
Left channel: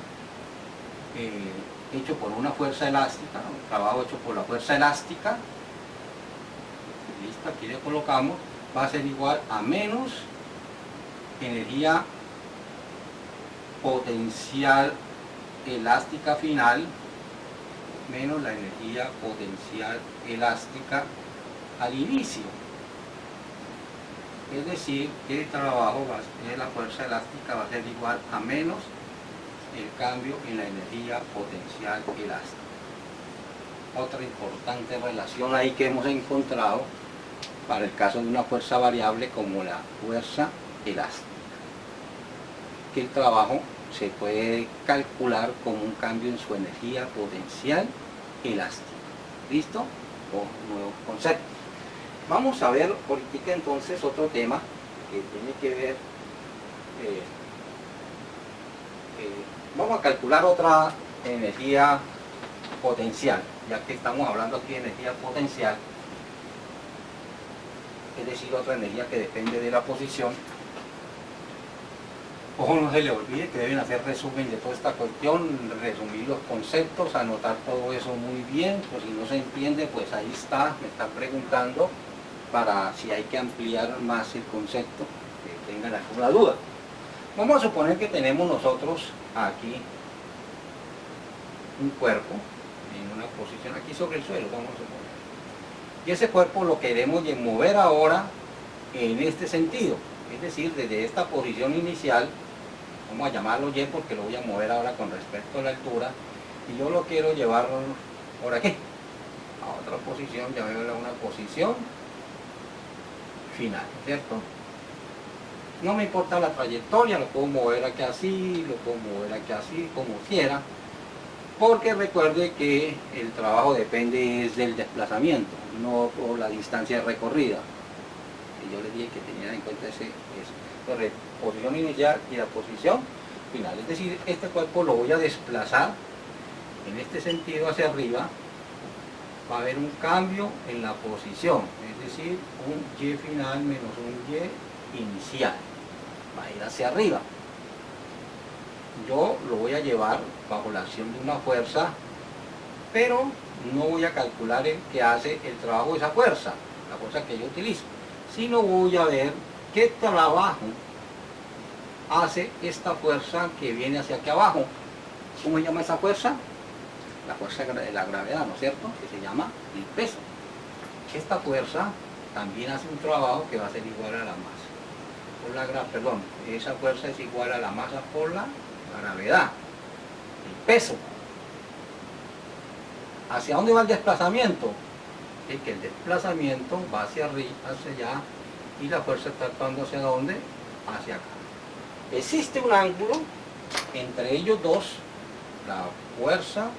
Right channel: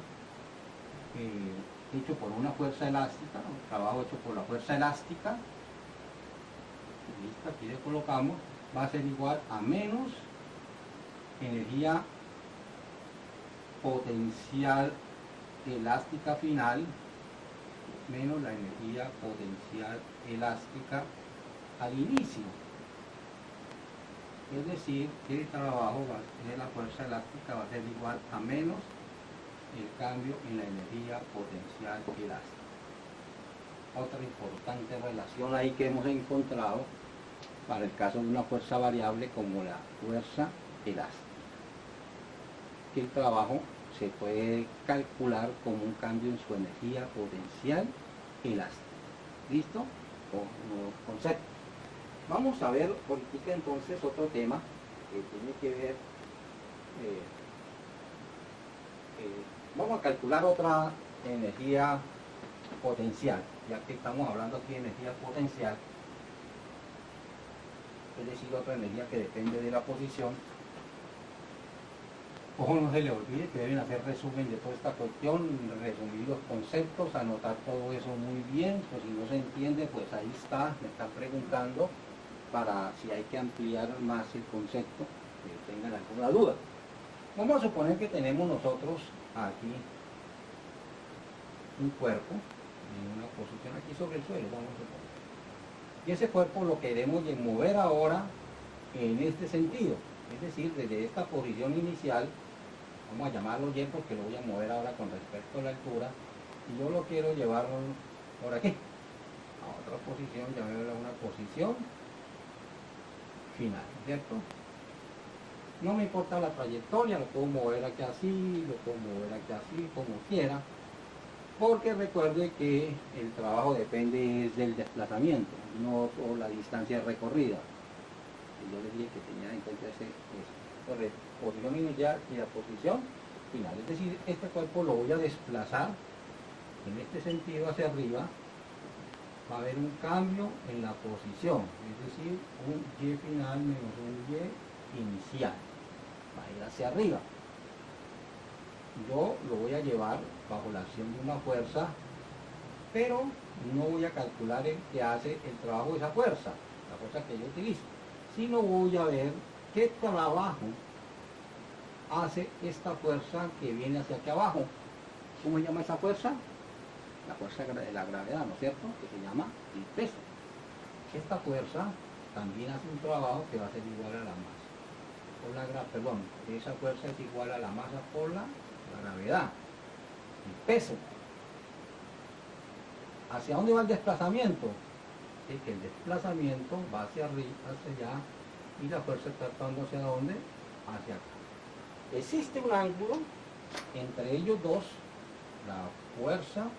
hecho por una fuerza elástica, un trabajo hecho por la fuerza elástica, listo, aquí le colocamos, va a ser igual a menos energía potencial elástica final menos la energía potencial elástica al inicio. Es decir, que el trabajo de la fuerza elástica va a ser igual a menos el cambio en la energía potencial elástica. Otra importante relación ahí que hemos encontrado para el caso de una fuerza variable como la fuerza elástica, que el trabajo se puede calcular como un cambio en su energía potencial elástica. ¿Listo? Un nuevo concepto. Vamos a ver ahorita entonces otro tema que tiene que ver, vamos a calcular otra energía potencial, ya que estamos hablando aquí de energía potencial, es decir, otra energía que depende de la posición. Ojo, no se le olvide que deben hacer resumen de toda esta cuestión, resumir los conceptos, anotar todo eso muy bien, pues si no se entiende, pues ahí está, me están preguntando para si hay que ampliar más el concepto, que tengan alguna duda. Vamos a suponer que tenemos nosotros aquí un cuerpo en una posición aquí sobre el suelo, vamos a suponer. Y ese cuerpo lo queremos mover ahora en este sentido, es decir, desde esta posición inicial, vamos a llamarlo Y porque lo voy a mover ahora con respecto a la altura, y yo lo quiero llevar por aquí, a otra posición, llamémosla una posición final, ¿no es cierto? No me importa la trayectoria, lo puedo mover aquí así, lo puedo mover aquí así, como quiera, porque recuerde que el trabajo depende del desplazamiento, no por la distancia recorrida. Y yo les dije que tenían en cuenta eso. Entonces, posición inicial y la posición final. Es decir, este cuerpo lo voy a desplazar en este sentido hacia arriba. Va a haber un cambio en la posición, es decir, un Y final menos un Y inicial. Va a ir hacia arriba. Yo lo voy a llevar bajo la acción de una fuerza, pero no voy a calcular el que hace el trabajo de esa fuerza, la fuerza que yo utilizo, sino voy a ver qué trabajo hace esta fuerza que viene hacia aquí abajo. ¿Cómo se llama esa fuerza? La fuerza de la gravedad, ¿no es cierto? Que se llama el peso. Esta fuerza también hace un trabajo que va a ser igual a la masa. Esa fuerza es igual a la masa por la gravedad. El peso. ¿Hacia dónde va el desplazamiento? Es que el desplazamiento va hacia arriba, hacia allá, y la fuerza está actuando hacia dónde? Hacia acá. Existe un ángulo entre ellos dos, la fuerza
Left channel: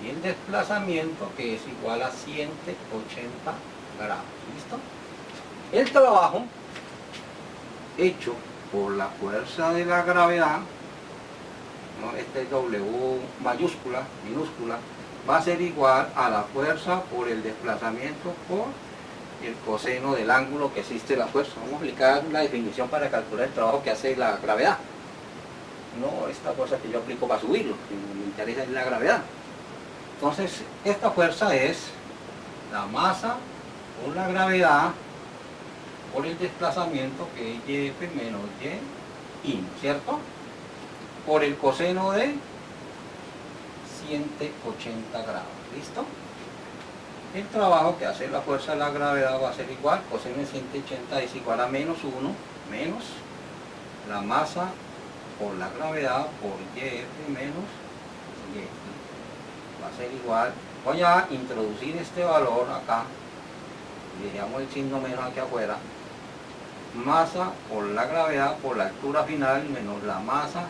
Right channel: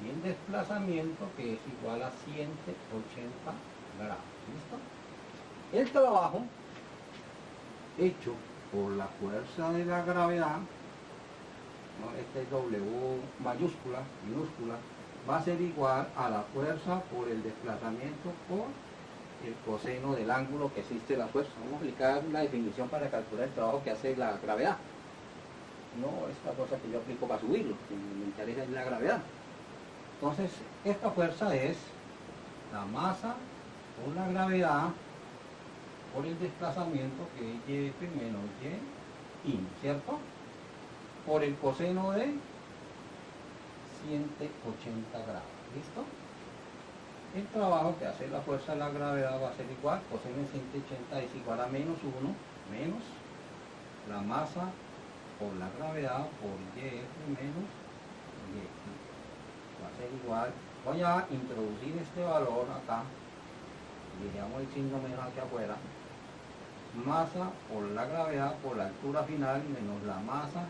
y el desplazamiento, que es igual a 180 grados. ¿Listo? El trabajo hecho por la fuerza de la gravedad, ¿no? Este es W mayúscula, minúscula, va a ser igual a la fuerza por el desplazamiento por el coseno del ángulo que existe la fuerza. Vamos a aplicar la definición para calcular el trabajo que hace la gravedad. No esta fuerza que yo aplico para subirlo, sino me interesa es la gravedad. Entonces, esta fuerza es la masa por la gravedad por el desplazamiento que es YF menos Y, ¿no es cierto? Por el coseno de 180 grados. ¿Listo? El trabajo que hace la fuerza de la gravedad va a ser igual, coseno de 180 es igual a menos 1, menos la masa por la gravedad por YF menos Y. Va a ser igual, voy a introducir este valor acá, y dejamos el signo menos aquí afuera, masa por la gravedad por la altura final menos la masa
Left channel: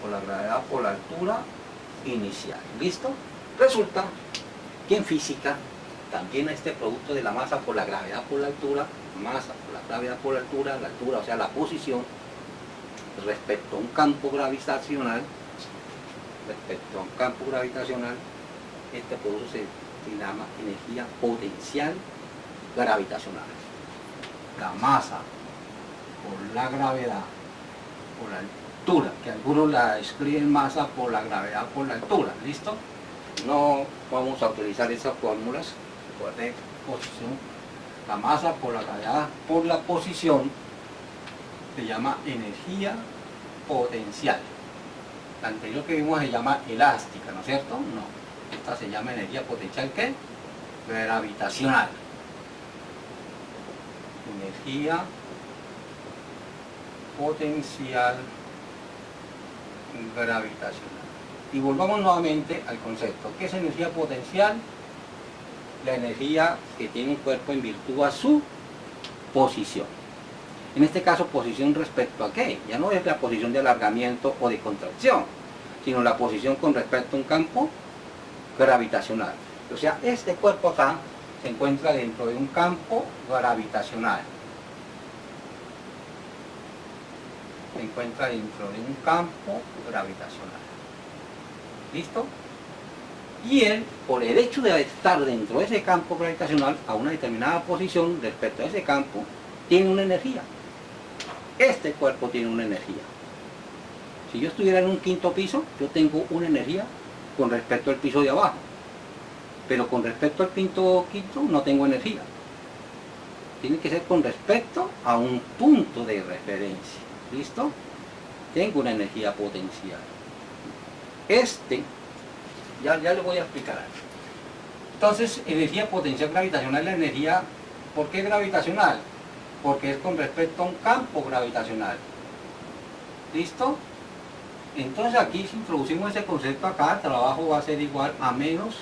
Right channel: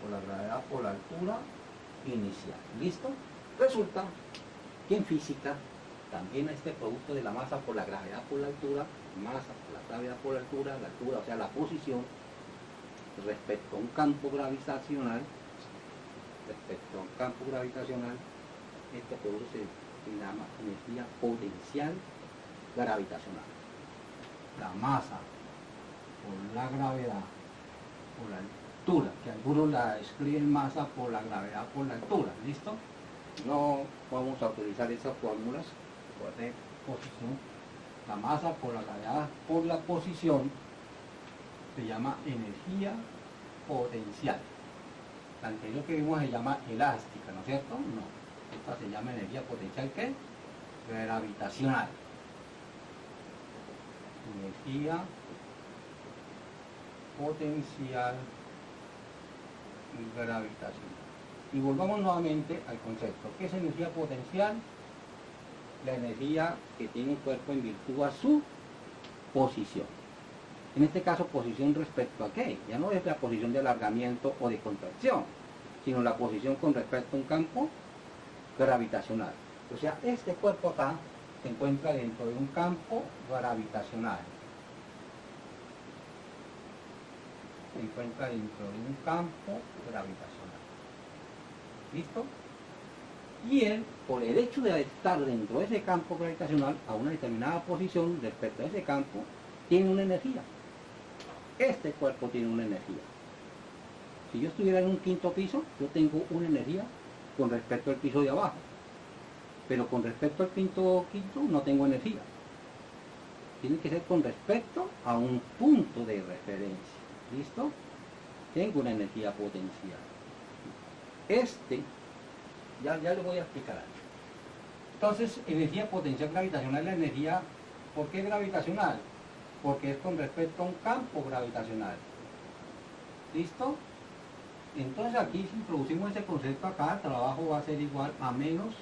por la gravedad por la altura inicial. ¿Listo? Resulta que en física también este producto de la masa por la gravedad por la altura, masa por la gravedad por la altura, o sea la posición respecto a un campo gravitacional, este producto se llama energía potencial gravitacional. La masa por la gravedad por la altura, que algunos la escriben masa por la gravedad por la altura. ¿Listo? No vamos a utilizar esas fórmulas de posición. La masa por la gravedad por la posición se llama energía potencial. La anterior que vimos se llama elástica, ¿no es cierto? No, esta se llama energía potencial, ¿qué? Gravitacional. Energía potencial gravitacional. Y volvamos nuevamente al concepto. ¿Qué es energía potencial? La energía que tiene un cuerpo en virtud a su posición. En este caso, posición respecto a qué? Ya no es la posición de alargamiento o de contracción, sino la posición con respecto a un campo gravitacional. O sea, este cuerpo acá se encuentra dentro de un campo gravitacional. Se encuentra dentro de un campo gravitacional. ¿Listo? Y él, por el hecho de estar dentro de ese campo gravitacional a una determinada posición respecto a ese campo, tiene una energía. Este cuerpo tiene una energía. Si yo estuviera en un quinto piso, yo tengo una energía con respecto al piso de abajo. Pero con respecto al quinto no tengo energía. Tiene que ser con respecto a un punto de referencia. ¿Listo? Tengo una energía potencial. Ya le voy a explicar algo. Entonces, energía potencial gravitacional, la energía, ¿por qué gravitacional? Porque es con respecto a un campo gravitacional. ¿Listo? Entonces aquí si introducimos ese concepto acá, el trabajo va a ser igual a menos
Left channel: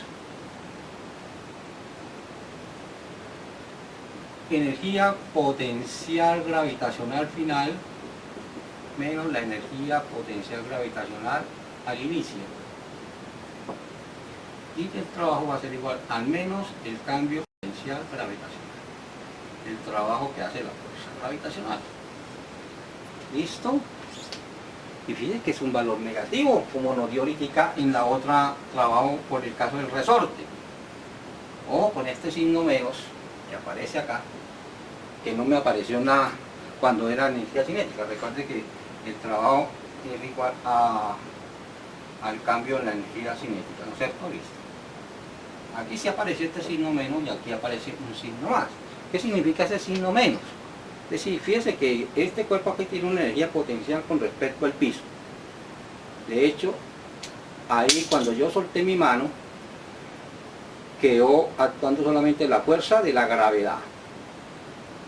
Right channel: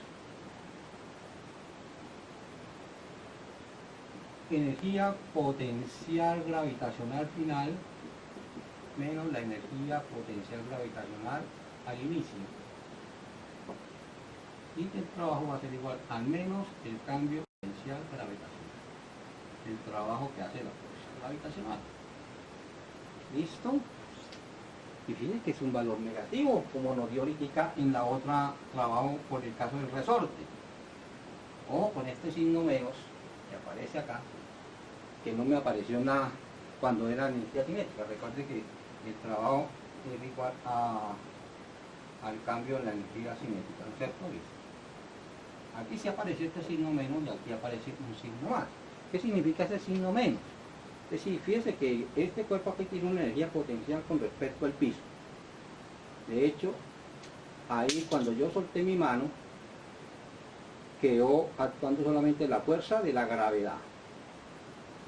energía potencial gravitacional final menos la energía potencial gravitacional al inicio. Y el trabajo va a ser igual al menos el cambio potencial gravitacional. El trabajo que hace la fuerza gravitacional. ¿Listo? Y fíjense que es un valor negativo, como nos dio ahorita en la otra trabajo por el caso del resorte. O con este signo menos que aparece acá, que no me apareció nada cuando era energía cinética. Recuerde que el trabajo es igual al cambio en la energía cinética, ¿no es cierto? Listo. Aquí sí apareció este signo menos y aquí aparece un signo más. ¿Qué significa ese signo menos? Es decir, fíjese que este cuerpo aquí tiene una energía potencial con respecto al piso. De hecho, ahí cuando yo solté mi mano, quedó actuando solamente la fuerza de la gravedad.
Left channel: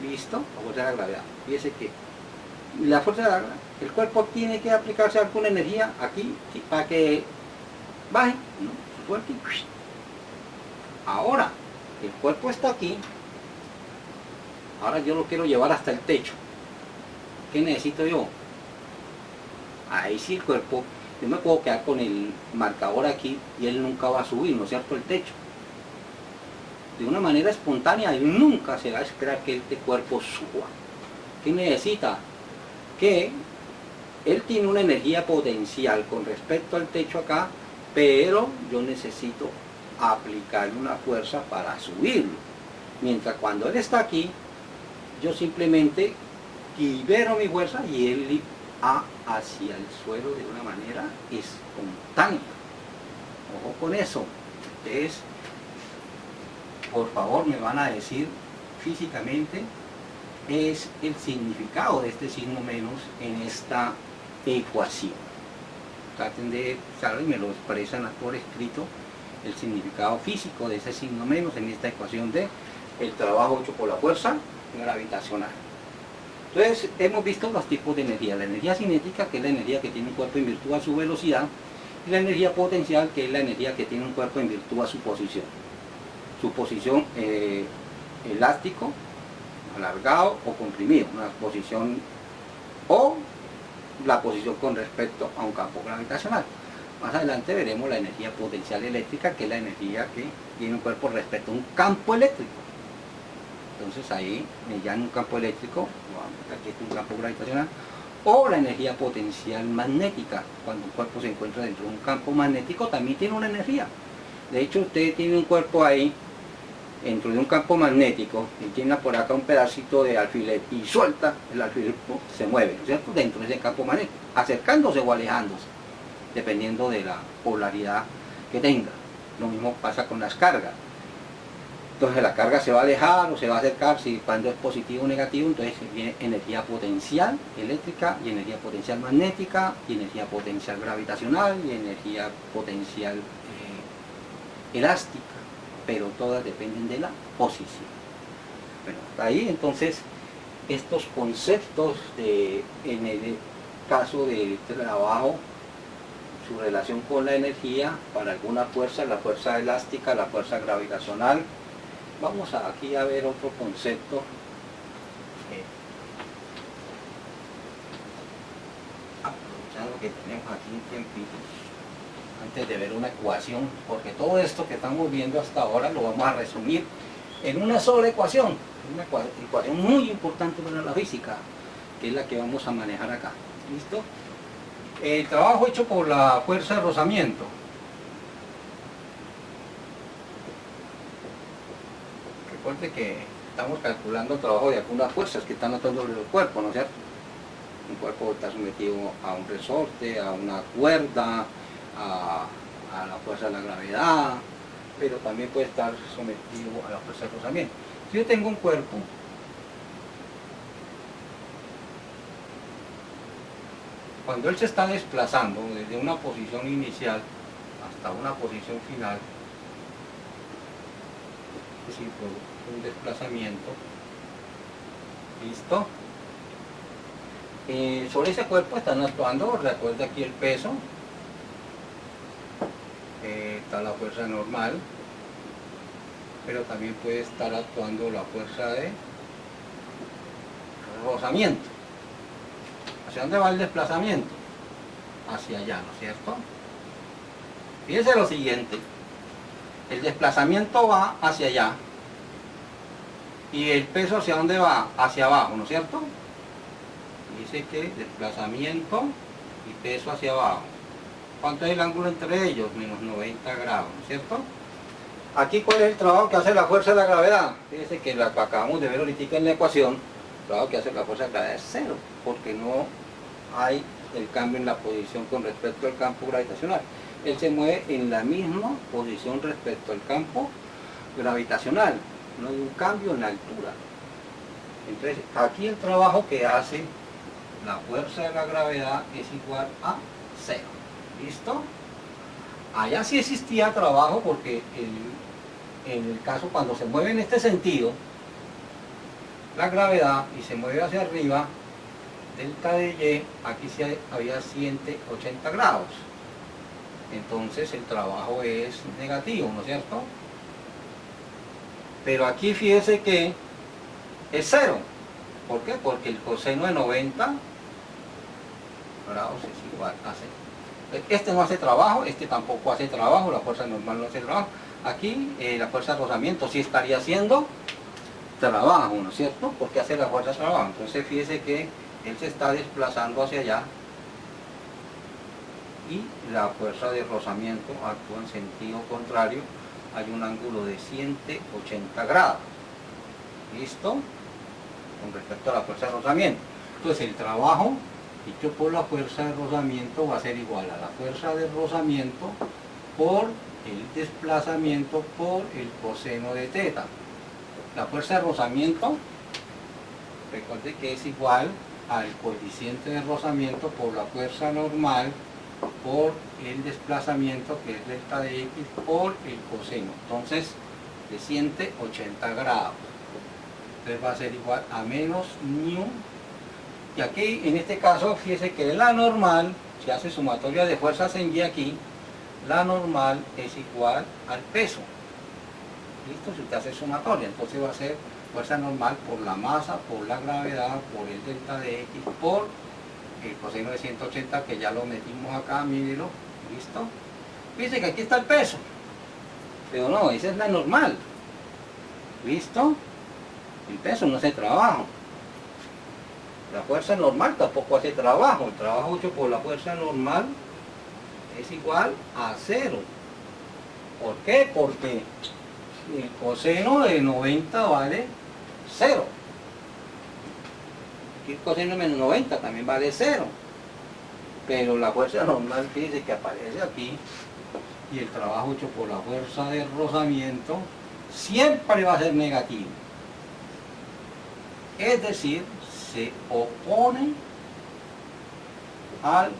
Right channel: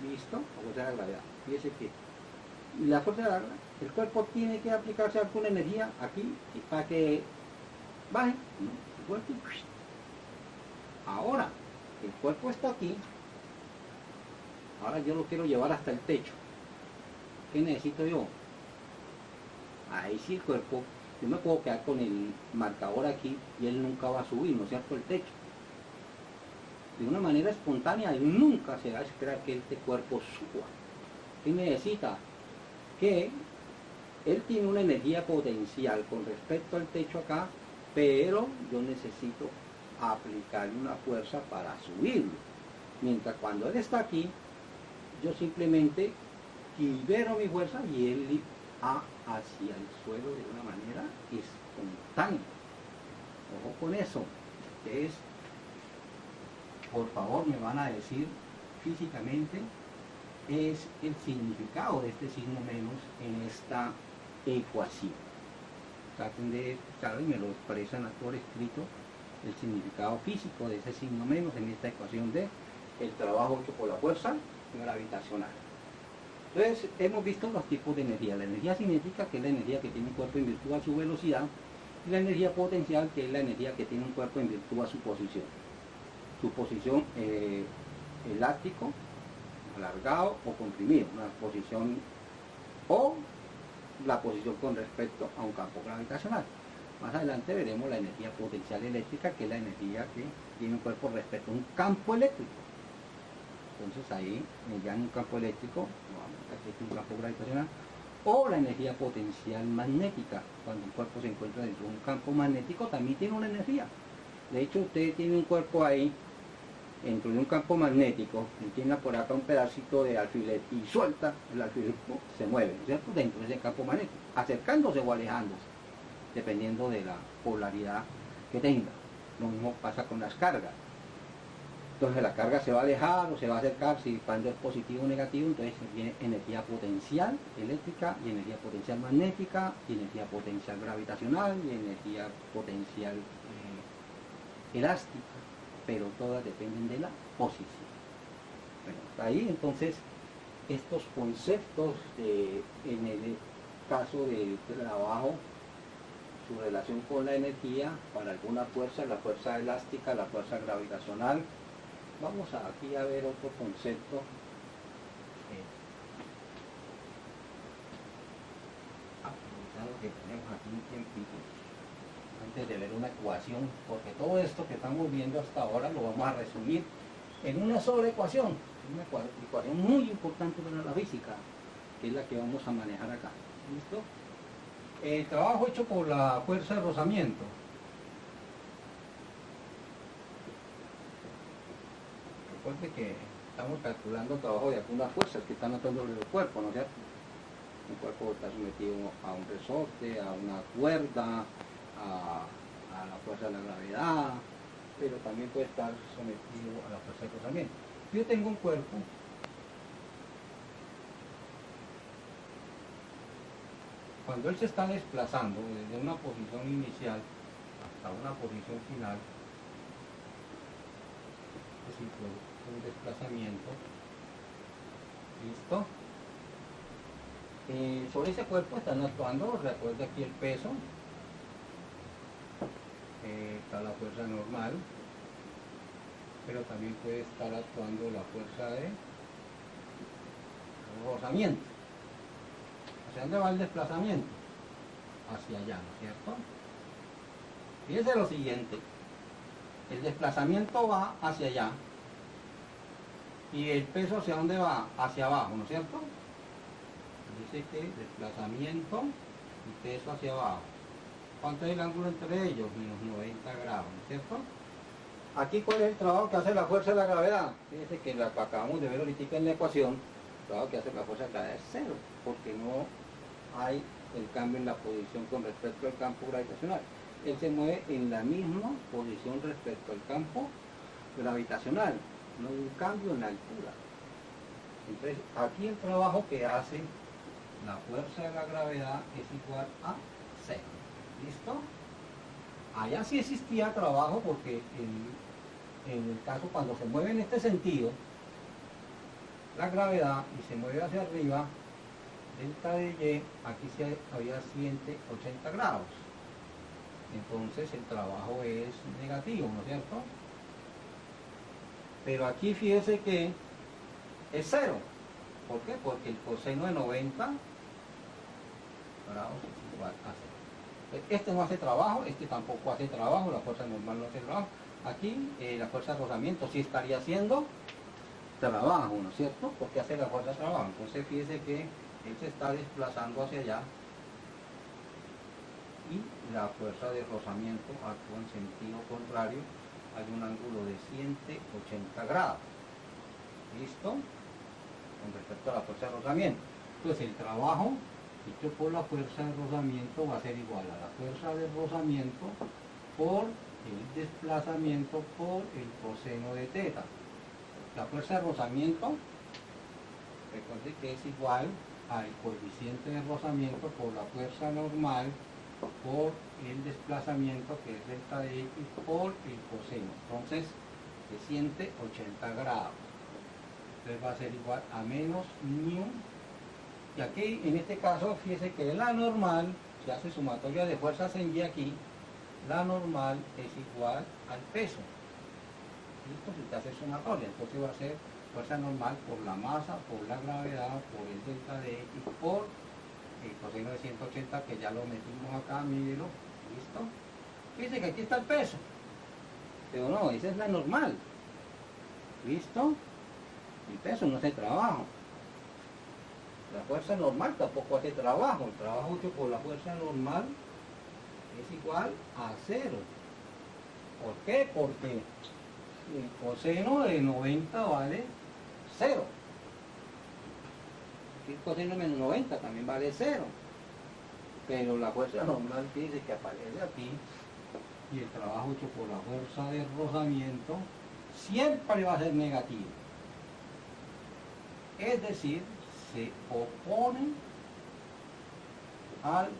¿Listo? La fuerza de la gravedad. Fíjese que la fuerza de la gravedad, el cuerpo tiene que aplicarse alguna energía aquí, ¿sí? Para que baje, ¿no? Fuerte. Ahora, el cuerpo está aquí. Ahora yo lo quiero llevar hasta el techo. ¿Qué necesito yo? Ahí sí el cuerpo, yo me puedo quedar con el marcador aquí y él nunca va a subir, ¿no es cierto?, el techo. De una manera espontánea, él nunca se va a esperar que este cuerpo suba. ¿Qué necesita? Que él tiene una energía potencial con respecto al techo acá, pero yo necesito aplicarle una fuerza para subirlo. Mientras cuando él está aquí, yo simplemente libero mi fuerza y él va hacia el suelo de una manera espontánea. Ojo con eso. Ustedes, por favor, me van a decir físicamente es el significado de este signo menos en esta ecuación. Traten de usarlo y me lo expresan por escrito el significado físico de ese signo menos en esta ecuación de el trabajo hecho por la fuerza gravitacional. Entonces hemos visto los tipos de energía: la energía cinética, que es la energía que tiene un cuerpo en virtud a su velocidad, y la energía potencial, que es la energía que tiene un cuerpo en virtud a su posición elástico, alargado o comprimido, una posición o la posición con respecto a un campo gravitacional. Más adelante veremos la energía potencial eléctrica, que es la energía que tiene un cuerpo respecto a un campo eléctrico. Entonces ahí mediante un campo eléctrico, aquí es un campo gravitacional, o la energía potencial magnética. Cuando un cuerpo se encuentra dentro de un campo magnético también tiene una energía. De hecho, usted tiene un cuerpo ahí dentro de un campo magnético y tiene por acá un pedacito de alfiler y suelta el alfiler, se mueve, ¿cierto? Dentro de ese campo magnético, acercándose o alejándose, dependiendo de la polaridad que tenga. Lo mismo pasa con las cargas. Entonces la carga se va a alejar o se va a acercar, si cuando es positivo o negativo. Entonces viene energía potencial eléctrica y energía potencial magnética y energía potencial gravitacional y energía potencial elástica, pero todas dependen de la posición. Bueno, ahí entonces estos conceptos en el caso de trabajo, su relación con la energía, para alguna fuerza, la fuerza elástica, la fuerza gravitacional. Vamos aquí a ver otro concepto. Aprovechando que tenemos aquí un tiempito, antes de ver una ecuación, porque todo esto que estamos viendo hasta ahora lo vamos a resumir en una sola ecuación, una ecuación muy importante para la física, que es la que vamos a manejar acá. ¿Listo? El trabajo hecho por la fuerza de rozamiento. Recuerde que estamos calculando el trabajo de algunas fuerzas que están actuando sobre el cuerpo, ¿no es cierto? Un cuerpo está sometido a un resorte, a una cuerda, a la fuerza de la gravedad, pero también puede estar sometido a la fuerza de rozamiento. Si yo tengo un cuerpo cuando él se está desplazando desde una posición inicial hasta una posición final, es decir, un desplazamiento, ¿listo? Sobre ese cuerpo están actuando, recuerda aquí el peso, está la fuerza normal, pero también puede estar actuando la fuerza de rozamiento. ¿Hacia dónde va el desplazamiento? Hacia allá, ¿no es cierto? Fíjense lo siguiente, el desplazamiento va hacia allá y el peso ¿hacia dónde va? Hacia abajo, ¿no es cierto? Dice que desplazamiento y peso hacia abajo. ¿Cuánto es el ángulo entre ellos? Menos 90 grados, ¿no es cierto? Aquí, ¿cuál es el trabajo que hace la fuerza de la gravedad? Fíjense que lo que acabamos de ver ahorita en la ecuación, el trabajo que hace la fuerza de la gravedad es cero, porque no hay el cambio en la posición con respecto al campo gravitacional. Él se mueve en la misma posición respecto al campo gravitacional, no hay un cambio en la altura. Entonces, aquí el trabajo que hace la fuerza de la gravedad es igual a cero. ¿Listo? Allá sí existía trabajo porque en el caso cuando se mueve en este sentido la gravedad y se mueve hacia arriba, delta de Y, aquí sí había 180 grados. Entonces el trabajo es negativo, ¿no es cierto? Pero aquí fíjese que es cero. ¿Por qué? Porque el coseno de 90 grados es igual a 0. Este no hace trabajo, este tampoco hace trabajo, la fuerza normal no hace trabajo. Aquí la fuerza de rozamiento sí estaría haciendo trabajo, ¿no es cierto? Porque hace la fuerza de trabajo. Entonces fíjese que él se está desplazando hacia allá y la fuerza de rozamiento actúa en sentido contrario hay un ángulo de 180 grados. ¿Listo? Con respecto a la fuerza de rozamiento. Entonces el trabajo hecho por la fuerza de rozamiento va a ser igual a la fuerza de rozamiento por el desplazamiento por el coseno de teta. La fuerza de rozamiento, recuerde que es igual al coeficiente de rozamiento por la fuerza normal por el desplazamiento, que es delta de x, por el coseno. Entonces, de 180 grados. Entonces va a ser igual a menos mu. Y aquí, en este caso, fíjese que la normal, se hace sumatoria de fuerzas en y aquí, la normal es igual al peso. ¿Listo? Si usted hace sumatoria, entonces va a ser fuerza normal por la masa, por la gravedad, por el delta de x, por el coseno de 180, que ya lo metimos acá, mírelo. ¿Listo? Fíjese que aquí está el peso. Pero no, esa es la normal. ¿Listo? El peso no hace trabajo. La fuerza normal tampoco hace trabajo. El trabajo hecho por la fuerza normal es igual a 0. ¿Por qué? Porque el coseno de 90 vale 0. Aquí el coseno de menos 90 también vale 0. Pero la fuerza normal, fíjense que aparece aquí, y el trabajo hecho por la fuerza de rozamiento siempre va a ser negativo. Es decir, se opone al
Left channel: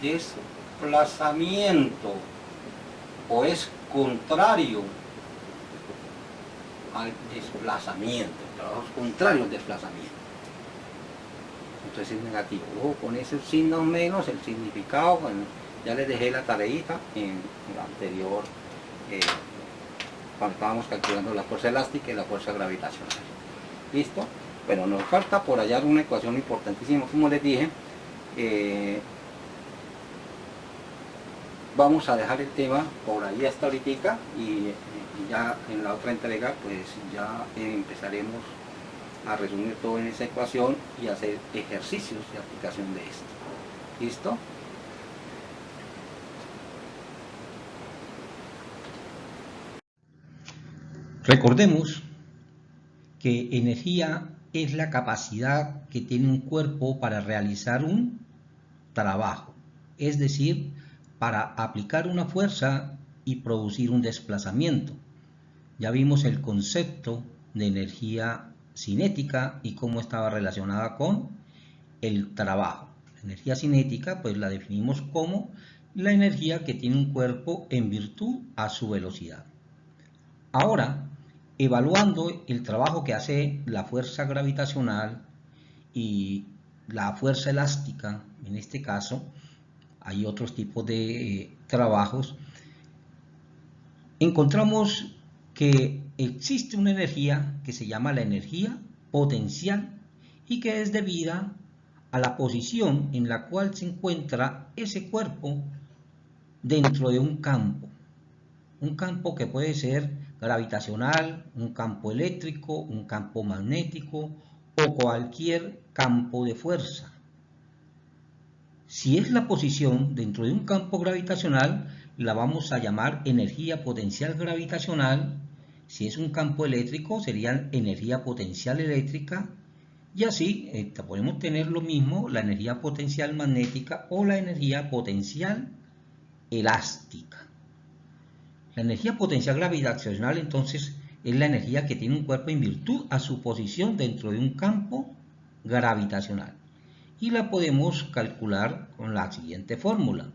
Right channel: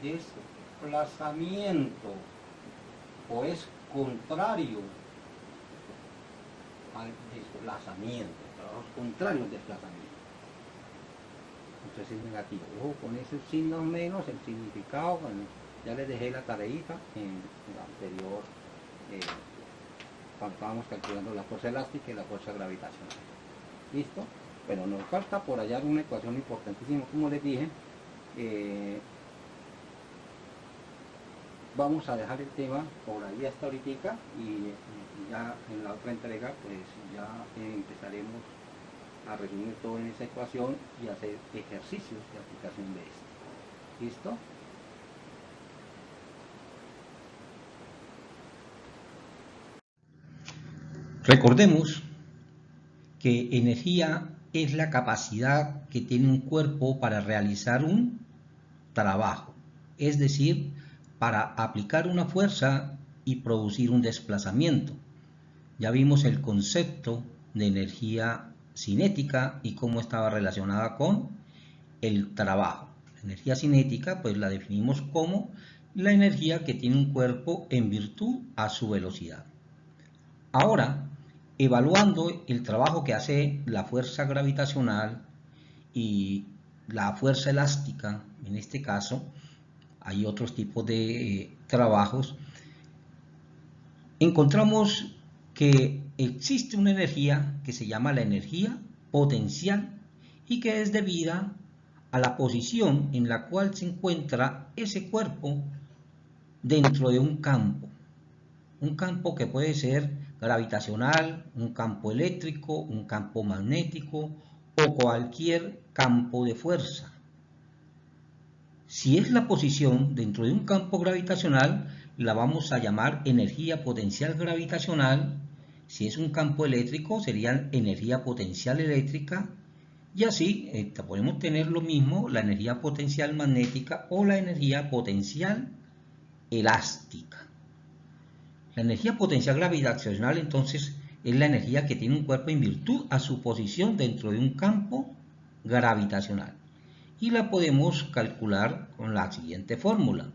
desplazamiento, o es contrario al desplazamiento. El trabajo es contrario al desplazamiento. Entonces es negativo. Ojo con esos signos menos, el significado, bueno, ya les dejé la tareita en el anterior, cuando estábamos calculando la fuerza elástica y la fuerza gravitacional. ¿Listo? Bueno, nos falta por allá una ecuación importantísima, como les dije. Vamos a dejar el tema por ahí hasta ahorita, y ya en la otra entrega pues ya empezaremos a resumir todo en esa ecuación y hacer ejercicios de aplicación de esto. ¿Listo? Recordemos que energía es la capacidad que tiene un cuerpo para realizar un trabajo, es decir, para aplicar una fuerza y producir un desplazamiento. Ya vimos el concepto de energía cinética y cómo estaba relacionada con el trabajo. La energía cinética pues la definimos como la energía que tiene un cuerpo en virtud a su velocidad. Ahora, evaluando el trabajo que hace la fuerza gravitacional y la fuerza elástica, en este caso, hay otros tipos de trabajos, encontramos que existe una energía que se llama la energía potencial y que es debida a la posición en la cual se encuentra ese cuerpo dentro de un campo que puede ser gravitacional, un campo eléctrico, un campo magnético o cualquier campo de fuerza. Si es la posición dentro de un campo gravitacional, la vamos a llamar energía potencial gravitacional. Si es un campo eléctrico, sería energía potencial eléctrica. Y así podemos tener lo mismo, la energía potencial magnética o la energía potencial elástica. La energía potencial gravitacional, entonces, es la energía que tiene un cuerpo en virtud a su posición dentro de un campo gravitacional. Y la podemos calcular con la siguiente fórmula.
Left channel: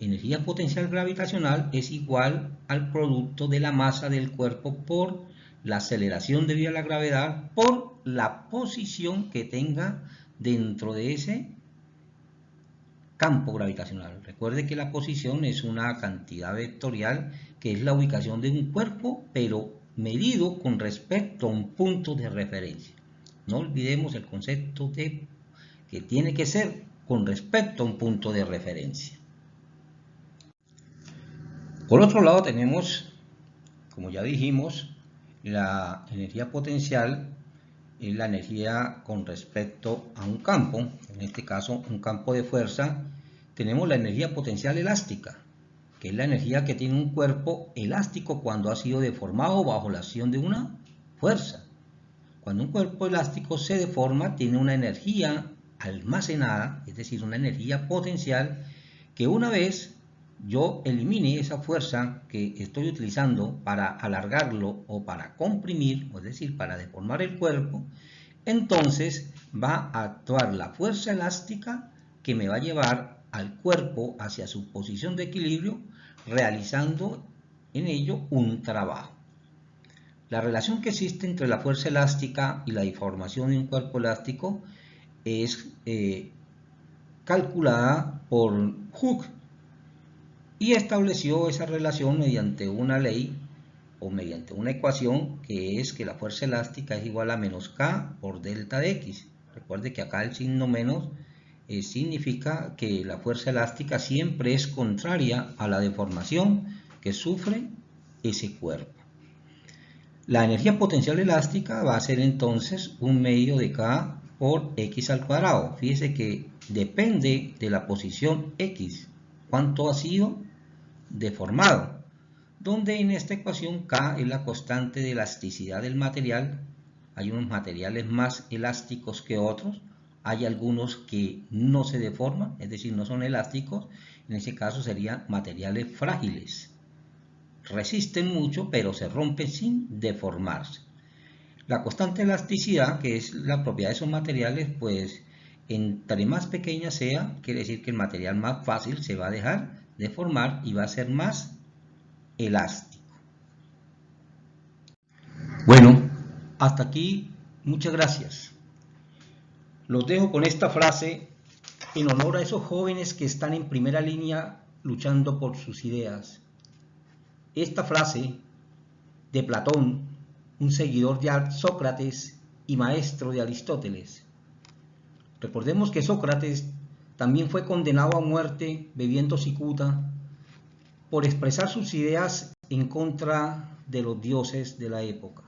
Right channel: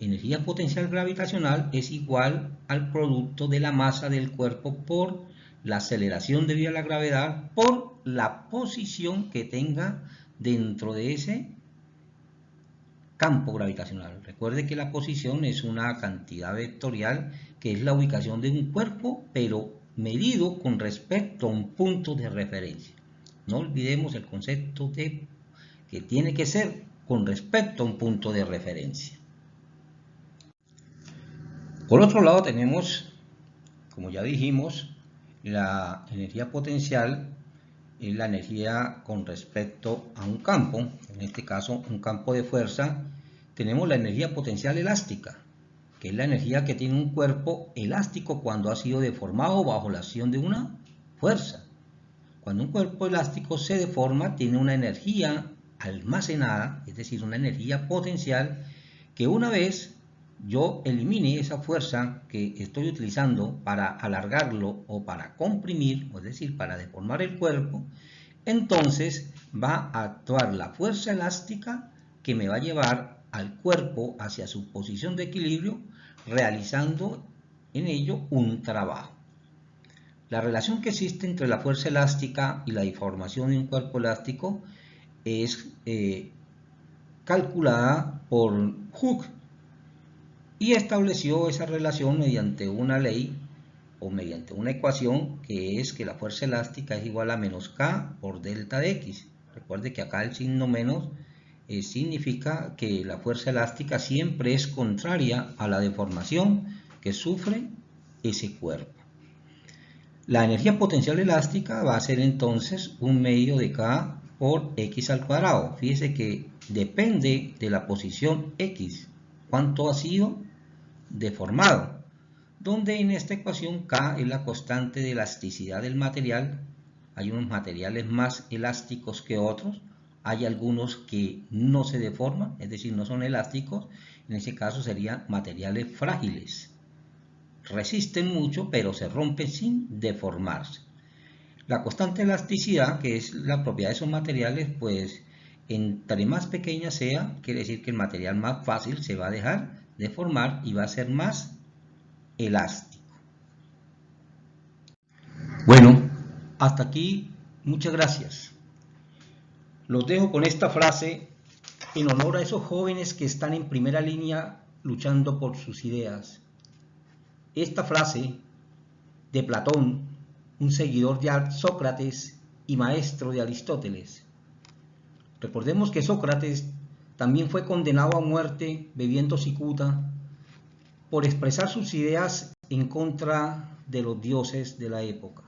Energía potencial gravitacional es igual al producto de la masa del cuerpo por la aceleración debido a la gravedad por la posición que tenga dentro de ese campo gravitacional. Recuerde que la posición es una cantidad vectorial que es la ubicación de un cuerpo, pero medido con respecto a un punto de referencia. No olvidemos el concepto de que tiene que ser con respecto a un punto de referencia. Por otro lado tenemos, como ya dijimos, la energía potencial es la energía con respecto a un campo, en este caso un campo de fuerza. Tenemos la energía potencial elástica, que es la energía que tiene un cuerpo elástico cuando ha sido deformado bajo la acción de una fuerza. Cuando un cuerpo elástico se deforma, tiene una energía almacenada, es decir, una energía potencial, que una vez yo elimine esa fuerza que estoy utilizando para alargarlo o para comprimir, es decir, para deformar el cuerpo, entonces va a actuar la fuerza elástica que me va a llevar al cuerpo hacia su posición de equilibrio, realizando en ello un trabajo. La relación que existe entre la fuerza elástica y la deformación de un cuerpo elástico es calculada por Hooke y estableció esa relación mediante una ley o mediante una ecuación que es que la fuerza elástica es igual a menos K por delta de X. Recuerde que acá el signo menos significa que la fuerza elástica siempre es contraria a la deformación que sufre ese cuerpo. La energía potencial elástica va a ser entonces un medio de K por X al cuadrado. Fíjese que depende de la posición X, cuánto ha sido deformado, donde en esta ecuación K es la constante de elasticidad del material. Hay unos materiales más elásticos que otros, hay algunos que no se deforman, es decir, no son elásticos, en ese caso serían materiales frágiles. Resisten mucho, pero se rompen sin deformarse. La constante de elasticidad, que es la propiedad de esos materiales, pues entre más pequeña sea, quiere decir que el material más fácil se va a dejar deformar y va a ser más elástico. Bueno, hasta aquí, muchas gracias. Los dejo con esta frase en honor a esos jóvenes que están en primera línea luchando por sus ideas. Esta frase de Platón, un seguidor de Sócrates y maestro de Aristóteles. Recordemos que Sócrates también fue condenado a muerte bebiendo cicuta por expresar sus ideas en contra de los dioses de la época.